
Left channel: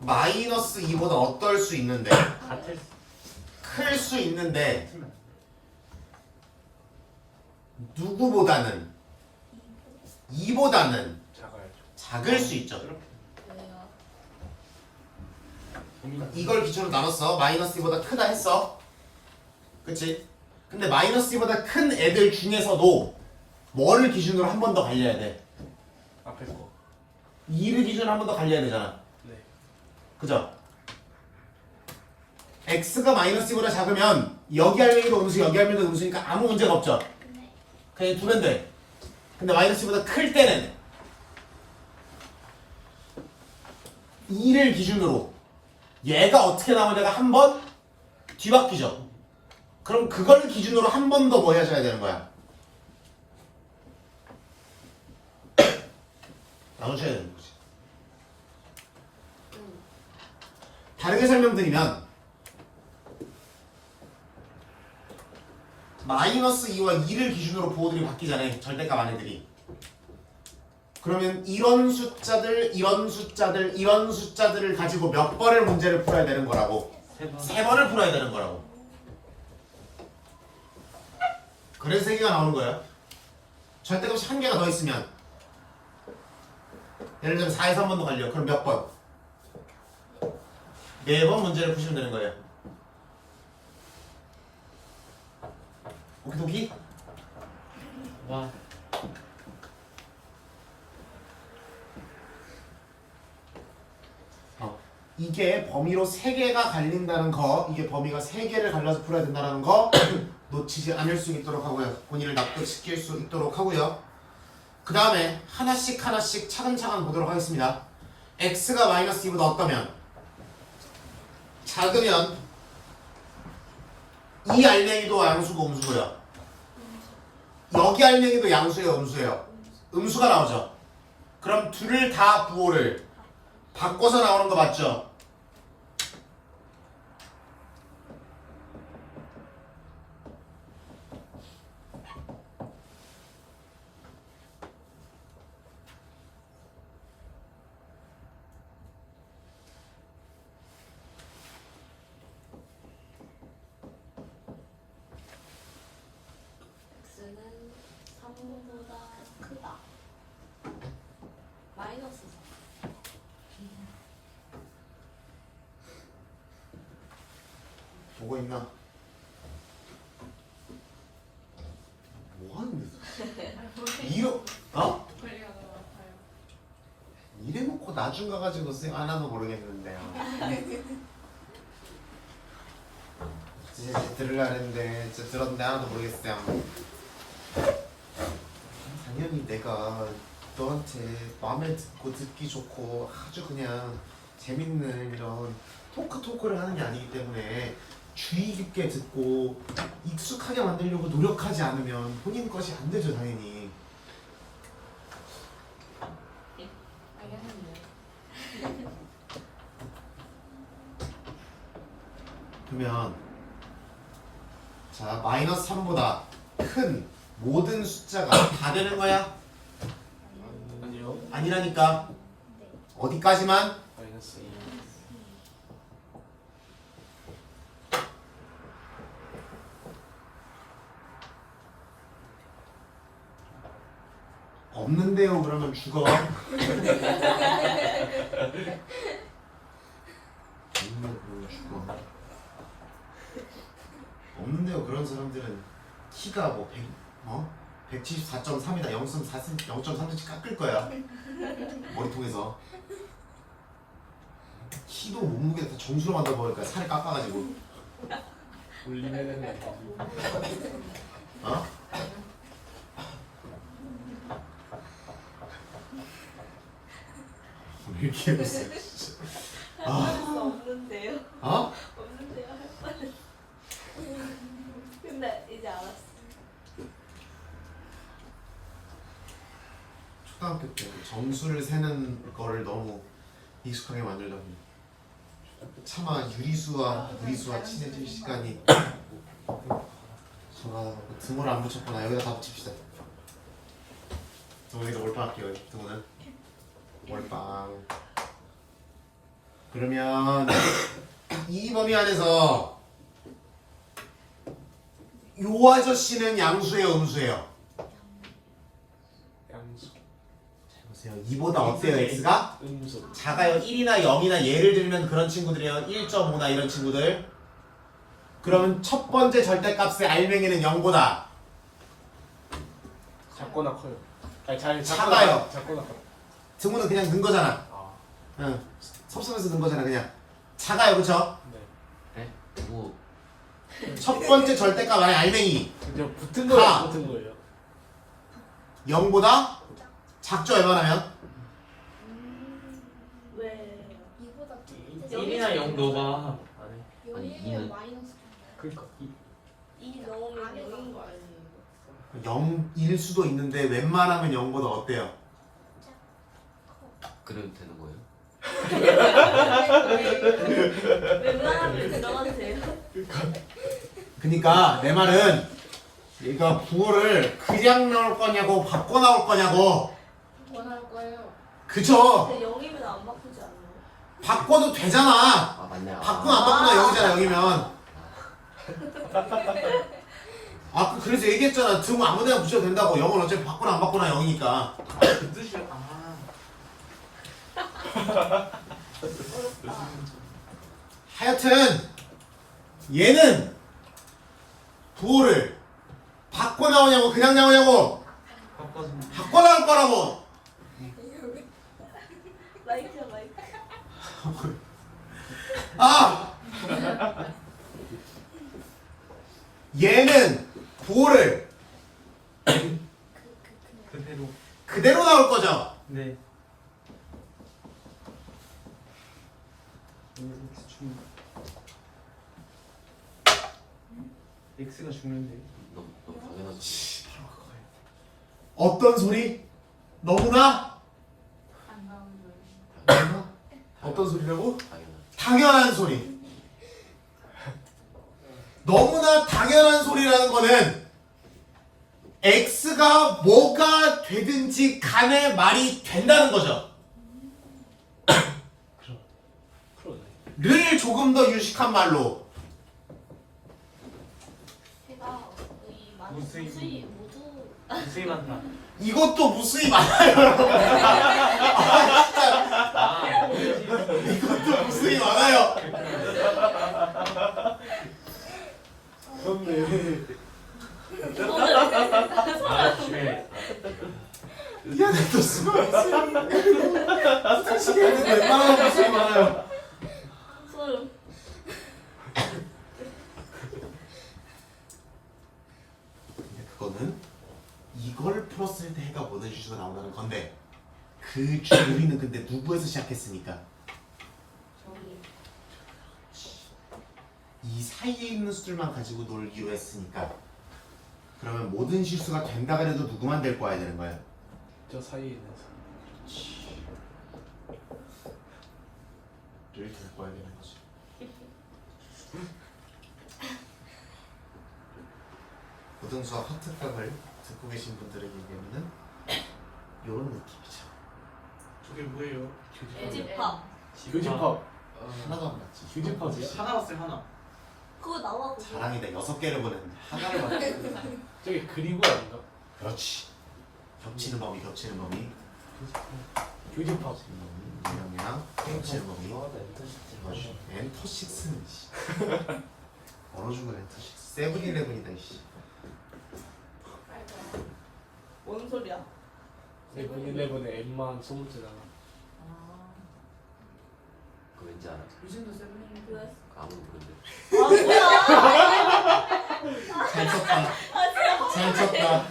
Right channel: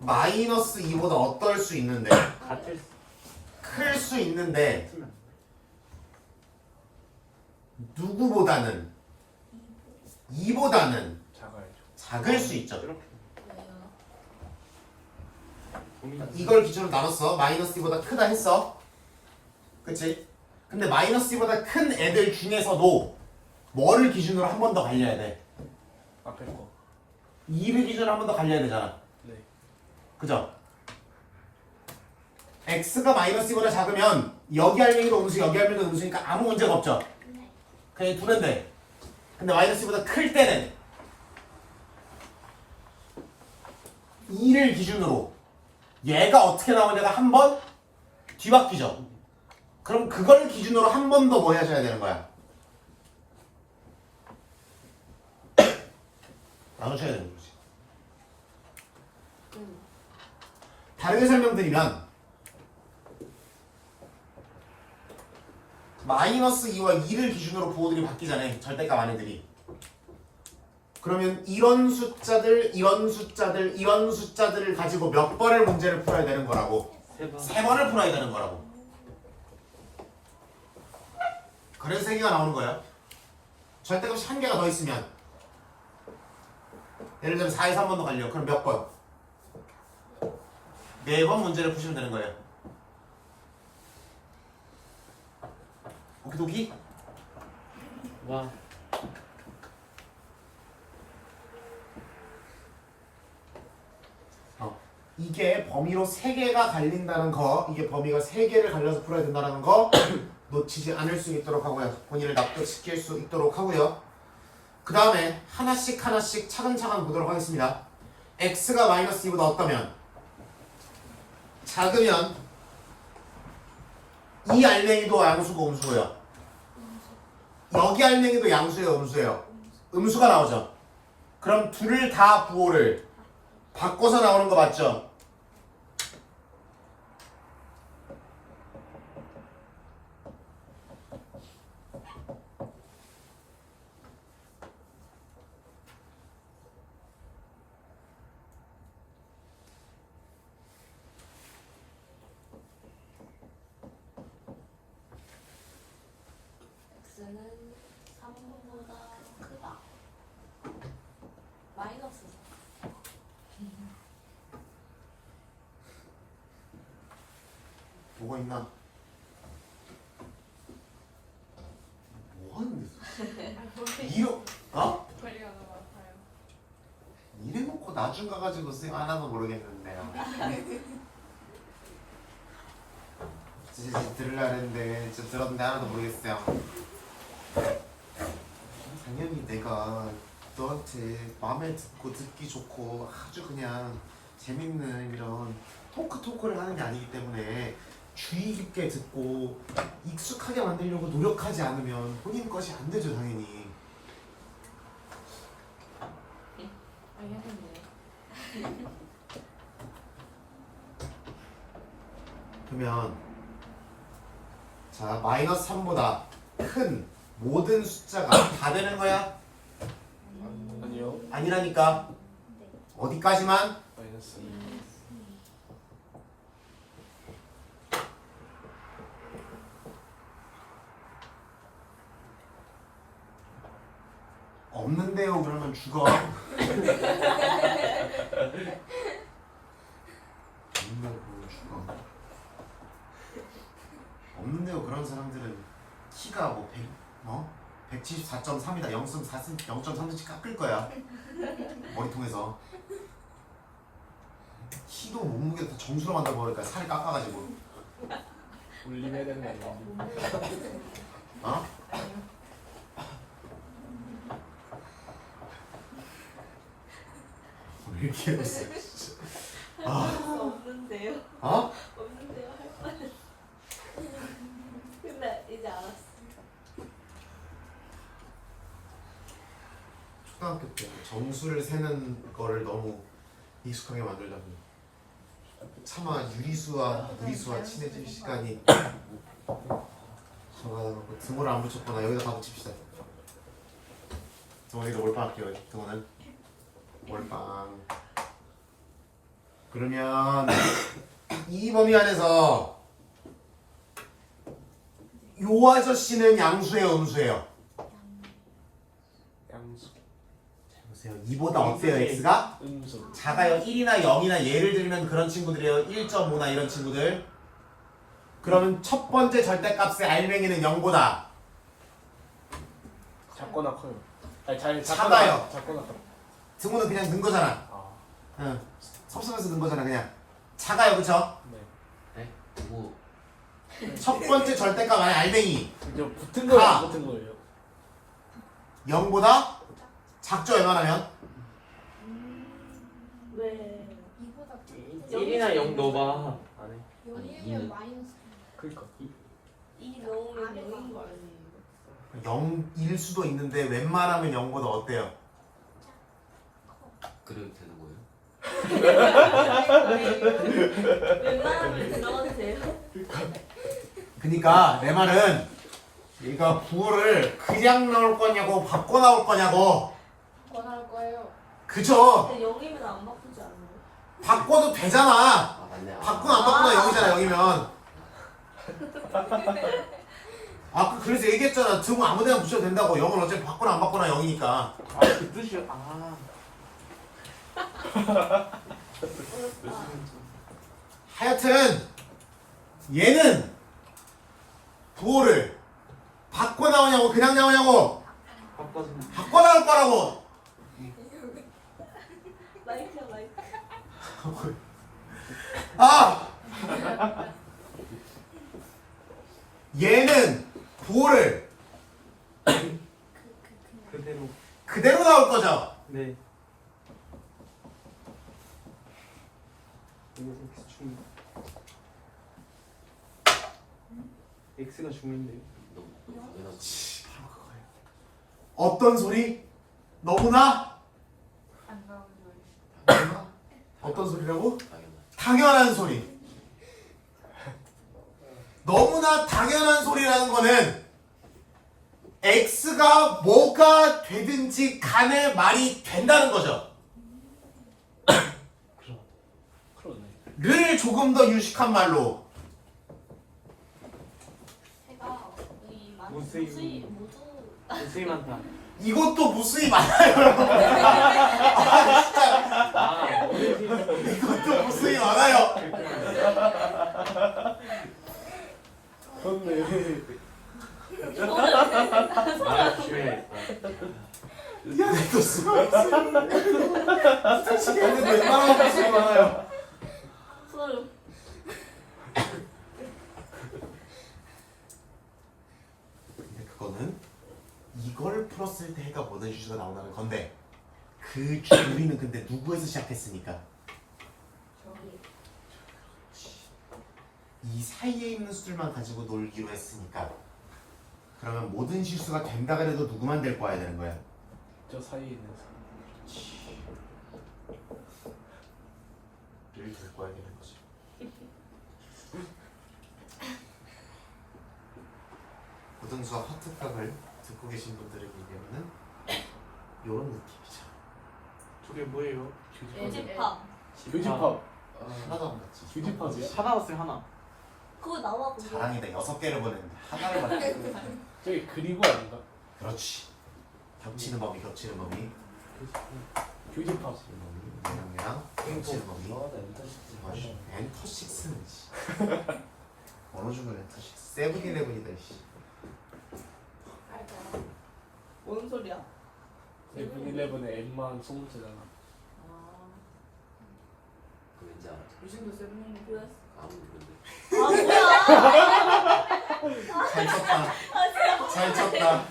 마이너스 2보다 어떨 수 있는데 같을 클 수 있는데 쓰면 누구보다는 2보다는 작아야죠. 작을 수 있죠. 왜요? 고민. 이걸 기준으로 나눴어. 마이너스 2보다 크다 했어. 그치? 근데 마이너스 2보다 큰 애들 중에서도 뭐를 기준으로 한 번 더 갈려야 돼? 앞에 거. 2를 기준으로 한 번 더 갈려야 되잖아. 네. 그죠? x가 마이너스 2보다 작으면 여기 할매기도 음수 여기 할매기도 음수니까 아무 문제가 없죠. 네. 그냥 두면 돼. 근데 마이너스 2보다 클 때는 2를 기준으로 얘가 어떻게 나오냐가 한 번 뒤바뀌죠. 그럼 그걸 기준으로 한 번 더 뭐 해줘야 되는 거야? 나누셔야 되는 거지. 다르게 설명드리면 마이너스 2와 2를 기준으로 부호들이 바뀌잖아요. 절대값 안에들이. 그러면 이런 숫자들, 이런 숫자들, 이런 숫자들을 가지고 몇 번을 문제를 풀어야 되는 거라고? 세 번. 3번을 풀어야 되는 거라고. 그래서 3개가 나오는 거예요. 절대값이 1개가 더 있으면 예를 들면 4에서 한 번 더 갈려. 그럼 몇 번? 4번 문제를 푸시면 되는 거예요. 오키도키? 와. 이게 범위로 3개가 갈린다는 거, 이게 범위가 3개를 갈려서 풀어야 된다는 거 놓치지 않을 수 있도록 하고요. 본인을 납득시킬 수 있도록 하고요. 그 다음에 하나씩 하나씩 차근차근 보도록 하겠습니다. x가 마이너스 2보다 어떠면? 작으면 이 알맹이도 양수고 음수고요. 여기 알맹이도 양수예요, 음수예요? 음수가 나오죠. 그럼 둘을 다 부호를 바꿔서 나오는 거 맞죠? x는 3보다 크다. 마이너스 4. 보고 있나? 뭐 하는데? 이러 어? 머리가 너무 아파요. 이래 놓고 나중 가가지고 쌤 하나도 모르겠는데요. 진짜 들으려 했는데 진짜 들었는데 하나도 모르겠어요. 당연히 내가 너한테 마음에 듣고 듣기 좋고 아주 그냥 재밌는 이런 토크를 하는 게 아니기 때문에 주의 깊게 듣고 익숙하게 만들려고 노력하지 않으면 본인 것이 안 되죠, 당연히. 알겠는데. 그러면 자 마이너스 3보다 큰 모든 숫자가 다 되는 거야? 아니요. 아니라니까. 어디까지만? 마이너스 2. 없는데요. 그러면 죽어. 없는데요. 죽어. 없는데요. 그런 사람들은 키가 뭐 174.3이다. 0.3cm 깎을 거야. 머리통에서. 키도 몸무게 다 정수로 만들어버릴까 살이 깎아가지고. 올림해야 되는 거 아니에요? 어? 왜 이렇게 웃어? 진짜. 아, 없는데요. 어? 없는데요 할 뻔. 근데 이제 알았어. 초등학교 때 점수를 세는 거를 너무 익숙하게 만들다 보니 차마 유리수와 무리수와 친해질 시간이 저가 등호를 안 붙였구나. 여기다 다 붙입시다. 등원이도 몰빵 할게요. 등원은 몰빵. 그러면 이 범위 안에서 요 아저씨는 양수예요, 음수예요? 양수. 자, 보세요. 2보다 어때요, x가? 음수. 작아요. 1이나 0이나 예를 들면 그런 친구들이에요. 1.5나 이런 친구들. 그러면 첫 번째 절대값의 알맹이는 0보다 작거나 커요. 아니 잘 작아요. 작거나 커요. 등호는 그냥 넣은 거잖아. 아. 응. 섭섭해서 넣은 거잖아, 그냥. 작아요, 그쵸? 네. 네? 누구? 첫 번째 절대값 안에 알맹이 저 붙은 거예요. 아. 안 붙은 거예요. 0보다 작죠, 웬만하면? 왜? 이보다 1이나 0 넣어봐. 안에. 연이면 마이너스. 그러니까 이 넣으면 아래가. 0인 거 아니에요? 0일 수도 있는데 웬만하면 0보다 어때요? 그래도 되는 거예요? 웬만하면 들어가도 돼요? 그니까 내 말은 얘가 부호를 그냥 나올 거냐고 바꿔 나올 거냐고. 원할 거예요. 그쵸? 근데 0이면 안 바꾸지 않아요? 바꿔도 되잖아. 아 맞네. 바꾸면 안 바꾸나 0이잖아, 0이면. 아, 그래서 얘기했잖아. 등호 아무 데나 붙여도 된다고. 0은 어차피 바꾸나 안 바꾸나 0이니까. 그 뜻이야. 어렵다. 하여튼 얘는 부호를 바꿔 나오냐고 그냥 나오냐고 바꿔서. 바꿔 나올 거라고. 마이크야 마이크. 아! 얘는 부호를 그대로. 그대로 나올 거죠. 네. X가 죽는데. 너무 당연하지. 어떤 소리? 너무나 어떤 소리라고? 당연하지. 당연한 소리. 너무나 당연한 소리라는 거는 X가 뭐가 되든지 간에 말이 된다는 거죠. 그러네. 를 조금 더 유식한 말로 제가 이 무수히. 무수히 모두 무수히 많다. 이것도 무수히 많아요. 여러분. 아, 진짜 아, 이것도 무수히 많아요. 그렇네. 아, 그래. 미안해, 또 수고 있어. 솔직히 했는데 웬만하면 무수히 많아요. 소름. 근데 그거는 이걸 풀었을 때 해가 모든 실수가 나온다는 건데 그 줄이는 근데 누구에서 시작했습니까? 저기 이 사이에 있는 수들만 가지고 놀기로 했으니까 그러면 모든 실수가 된다 그래도 누구만 데리고 와야 되는 거야? 저 사이에 있는 를 데리고 와야 되는 거지. 고등수학 학특강을 듣고 계신 분들에게는 이런 느낌이죠. 저게 뭐예요? 애집합. 교집합. 하나도 안 맞지. 교집합이 하나 왔어요, 하나. 그거 나와 보고. 자랑이다. 6개를 보냈는데 하나를 맞췄어. 저게 그리고 아닌가? 그렇지. 겹치는 범위, 겹치는 범위. 교집합. 겹치는 범위. 그냥 겹치는 범위. 엔터식스는 씨. 어느 중간 엔터식스. 세븐일레븐이다 이씨. 뭔 소리야? 세븐일레븐의 M만 20개잖아. 그거 왠지 알아. 요즘도 세븐일레븐. 왜? 아무도 모르는데. 아 뭐야? 잘 쳤다. 잘 쳤다.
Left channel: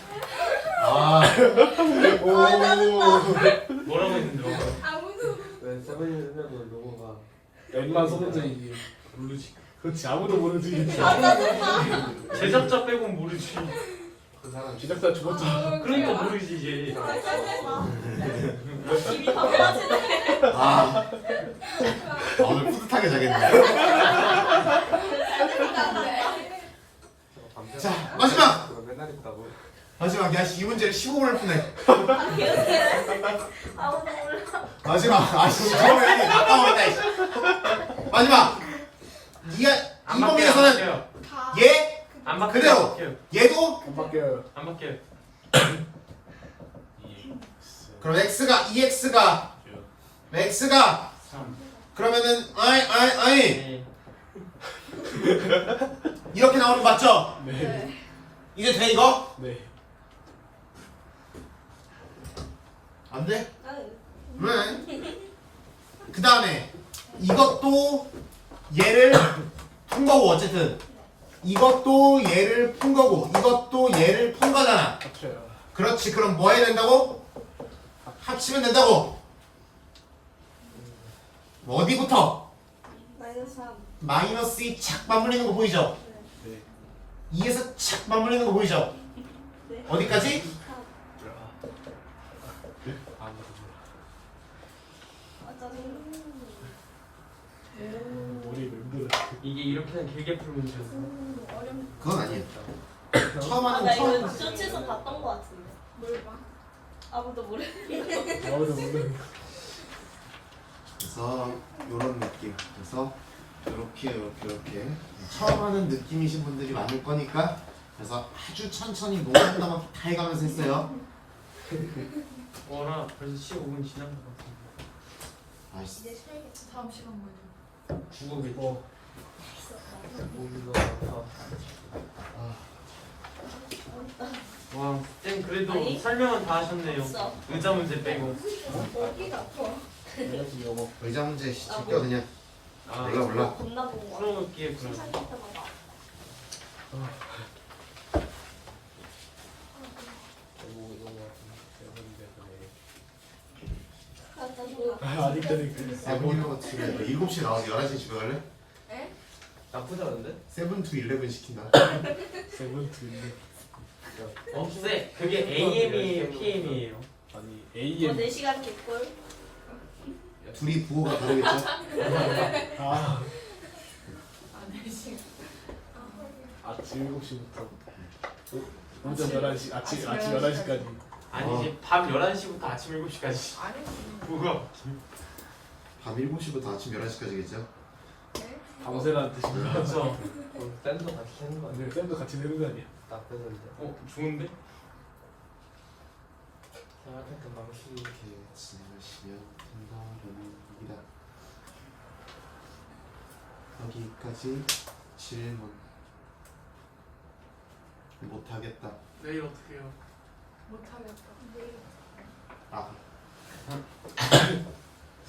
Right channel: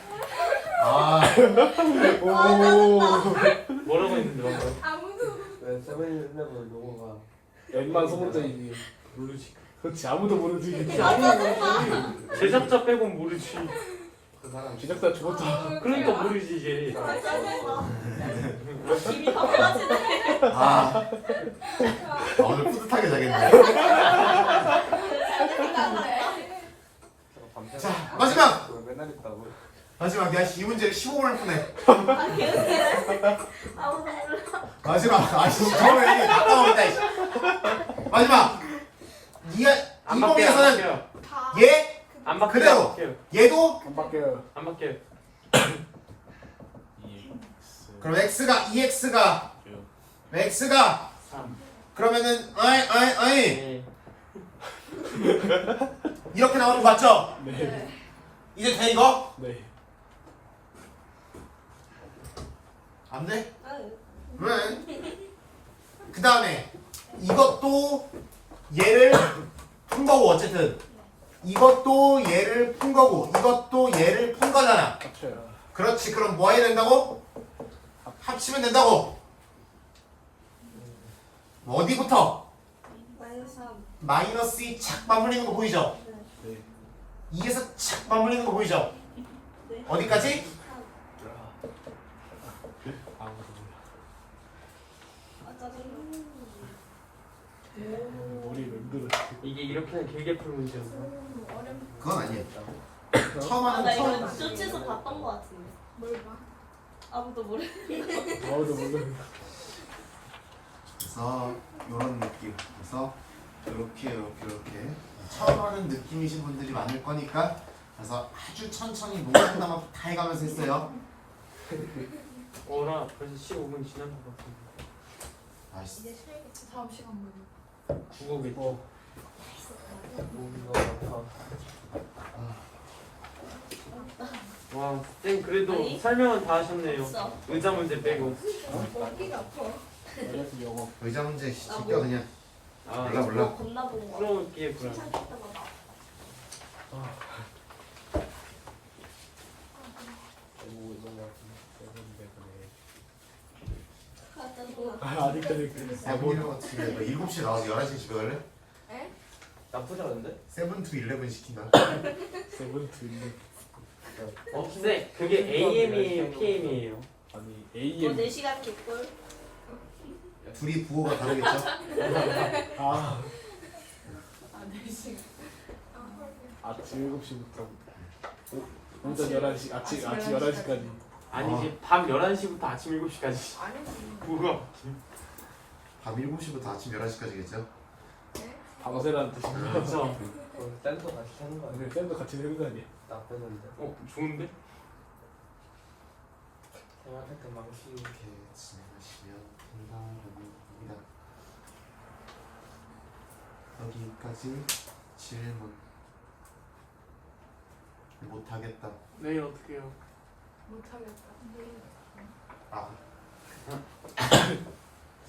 아. 아 짜증나. 뭐라고 했는데? 아무도 왜 세븐일레븐 넘어가? M만 20개이지. 모르지. 그렇지 아무도 모르지. 아 짜증나. 제작자 빼곤 모르지. 그 사람 제작자 죽었잖아. 그러니까 모르지 이제. 아 짜증나. 입이 깜빡하시네. 아. 오늘 뿌듯하게 자겠네. 자, 마지막! 맨날 있다고. 마지막 야이 문제를 15분을 푸네. 아무도 몰라. 마지막 아이씨 처음에 아까워했다 이씨. 마지막 니가 안 이범위에서는 바뀌어요. 다. 얘 안 바뀌어요. 그대로. 안 바뀌어요. 얘도 안 바뀌어요. 안 바뀌어요. 그럼 x가 2x가 x가 3. 그러면은 아이 네. 이렇게 나오는 거 맞죠? 네. 이제 돼 이거? 네. 안 돼? 아유. 왜? 그 다음에 이것도 얘를 푼 거고 어쨌든 이것도 얘를 푼 거고 이것도 얘를 푼 거잖아. 합쳐요. 그렇지. 그럼 뭐 해야 된다고? 합치면 된다고. 뭐 어디부터? 마이너스 3. 마이너스 2 착 맞물리는 거 보이죠? 네. 2에서 착 맞물리는 거 보이죠? 네. 어디까지? 아무도 몰라. 아 짜증. 머리 맴돌아. 이게 이렇게는 길게 풀 문제였어. 어렵. 그건 아니에요. 처음 아, 나 하는 처음. 이거 쇼츠에서 봤던 거 같은데. 뭘 봐? 아무도 모르. 아무도 모르는 거. 그래서 이런 느낌. 그래서 이렇게 처음 하는 느낌이신 분들이 많을 거니까 그래서 아주 천천히 노란다만 다 해가면서 했어요. 어라 벌써 15분 지난 것 같은데. 아이씨. 이제 쉬어야겠지. 다음 시간 뭐. 국어겠죠. 와, 쌤 그래도 아니? 설명은 다 하셨네요. 없어. 의자 문제 빼고. 어디가 아파? 그래서 영어. 의자 문제 아, 시켜 뭐. 그냥. 아, 내가 몰라. 뭐 겁나 본 거. 풀어볼게요 그럼. 칭찬 때마다. 아 짜증. 아직 때는 세븐 같은 거 7시에 나와서 11시에 집에 갈래? 에? 나쁘지 않은데? 세븐 투 11 시킨다. 세븐트 있는. 어, 쌤 그게 AM이에요 PM이에요? 아니 뭐 AM. 4시간 개꿀. 둘이 부호가 다르겠죠? 아 아, 4시. 아침 7시부터 오전 11시 아침 11시까지. 아니지 밤 11시부터 아침 7시까지. 아니지. 뭐야? 밤 7시부터 아침 11시까지겠죠? 네? 방세라는 뜻이야. 그렇죠. 댄서 같이 하는 거 아니야? 아니 쌤도 같이 내는 거 아니야? 나쁘는데 좋은데? 생각했던 방식이 지나가시면 된다라는 겁니다. 여기까지 질문. 못하겠다. 내일 어떻게 해요? 못하겠다. 내일. 아,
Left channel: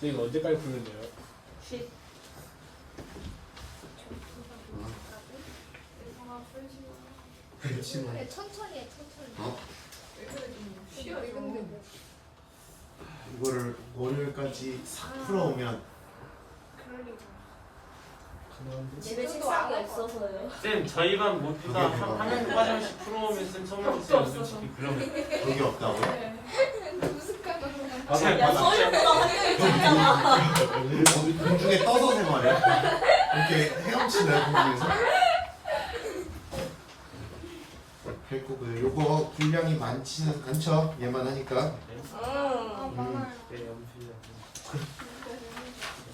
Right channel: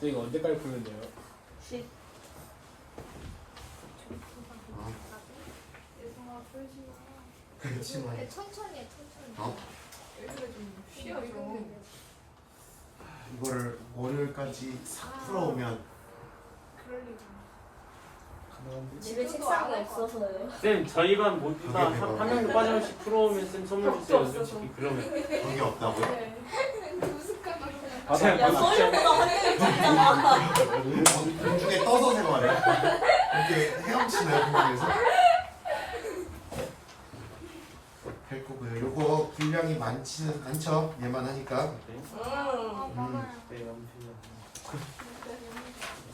쌤 이거 언제까지 푸는데요? 쉿. 예성아 풀지 마. 그렇지 뭐. 천천히 해, 천천히. 어? 왜 그래 좀 쉬어 좀. 이거를 월요일까지 싹 풀어오면 그럴 리가. 가능한데? 집에 진짜도 책상이 안할 것 없어서요. 쌤 저희 반 모두가 그게 한 명도 빠짐없이 풀어오면 쌤 선물 주세요 솔직히 그러면. 돈이 없다고요? 네. 무슨 까먹어. 아, 야 서울보다 한 명이 적잖아. 공중에 떠서 생활해? 이렇게 헤엄치나요 공중에서? 할 거고요. 요거 분량이 많지는 않죠? 얘만 하니까. 아, 많아요. 네 염준이.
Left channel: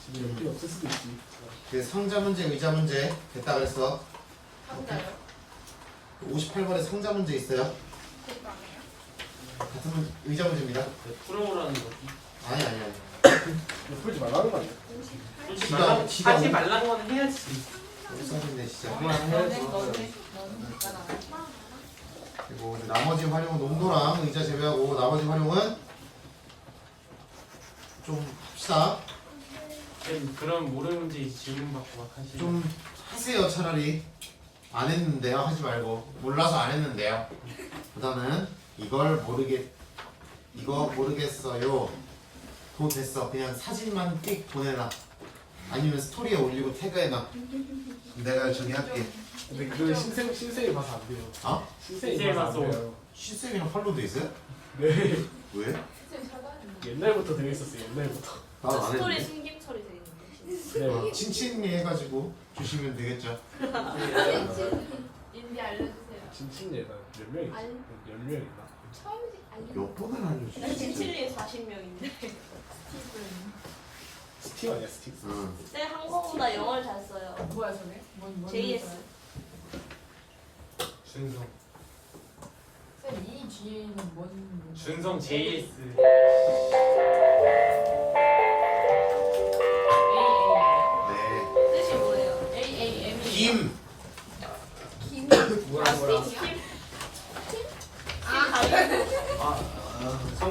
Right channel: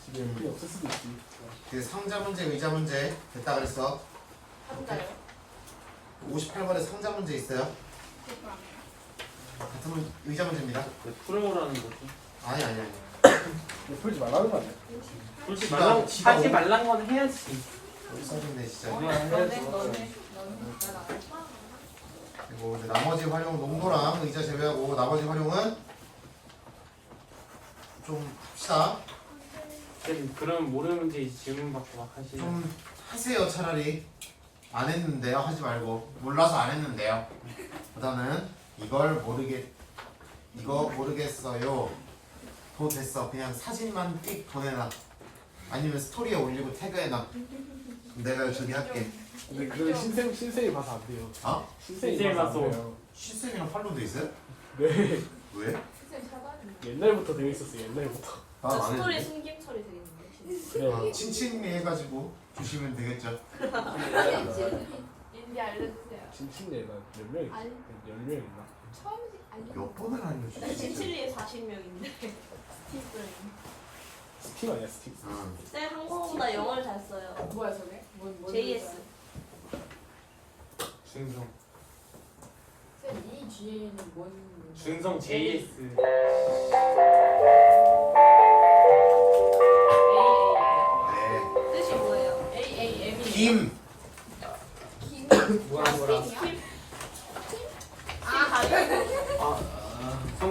집에 물이 없을 수도 있지. 그 상자 문제, 의자 문제 됐다 그랬어. 혼자요? 58번에 상자 문제 있어요. 그것도 안 해요? 같은 의자 문제입니다. 풀어오라는 거지. 아니. 이거 풀지 말라는 거 아니야? 솔직히 지가- 지가 하지 오- 말라는 건 해야지. 어디 써있네 진짜. 너네. 그리고 이제 나머지 활용 농도랑 의자 제외하고 나머지 활용은 좀 합시다. 쌤 그럼 모르는 문제 이제 질문 받고 막 하시죠. 좀 하세요 차라리. 안 했는데요 하지 말고 몰라서 안 했는데요. 보다는 이거 모르겠어요. 도 됐어. 그냥 사진만 띡 보내놔. 아니면 스토리에 올리고 태그해놔. 내가 저기 할게. 근데 그건 신생이 봐서 안 돼요. 어? 신생이 신생이 봐서 안 봐서. 돼요. 시스템이랑 팔로도 있어요? 네. 왜? 선생님 사다니. 옛날부터 되어 있었어요. 옛날부터. 난 안 스토리 했는데. 숨김 처리 되겠는데. 그래. 친친미 해가지고 주시면 되겠죠. 인디 알려주세요. 진친이가 몇 명이 있어? 알- 10명 있나? 처음 알려. 몇 번을 알려주지? 진칠리에 40명인데. 스티븐. 스팀 아니야 스팀? 응. 쌤 한국어보다 영어를 잘 써요. 뭐야 저게? 뭔 JS. 준성. 쌤이 뒤에는 뭔? 준성 JS. 네. 뜻이 뭐예요? AAM이 김. 김. 뭐야 뭐라. 팀? 아, 다리고. 아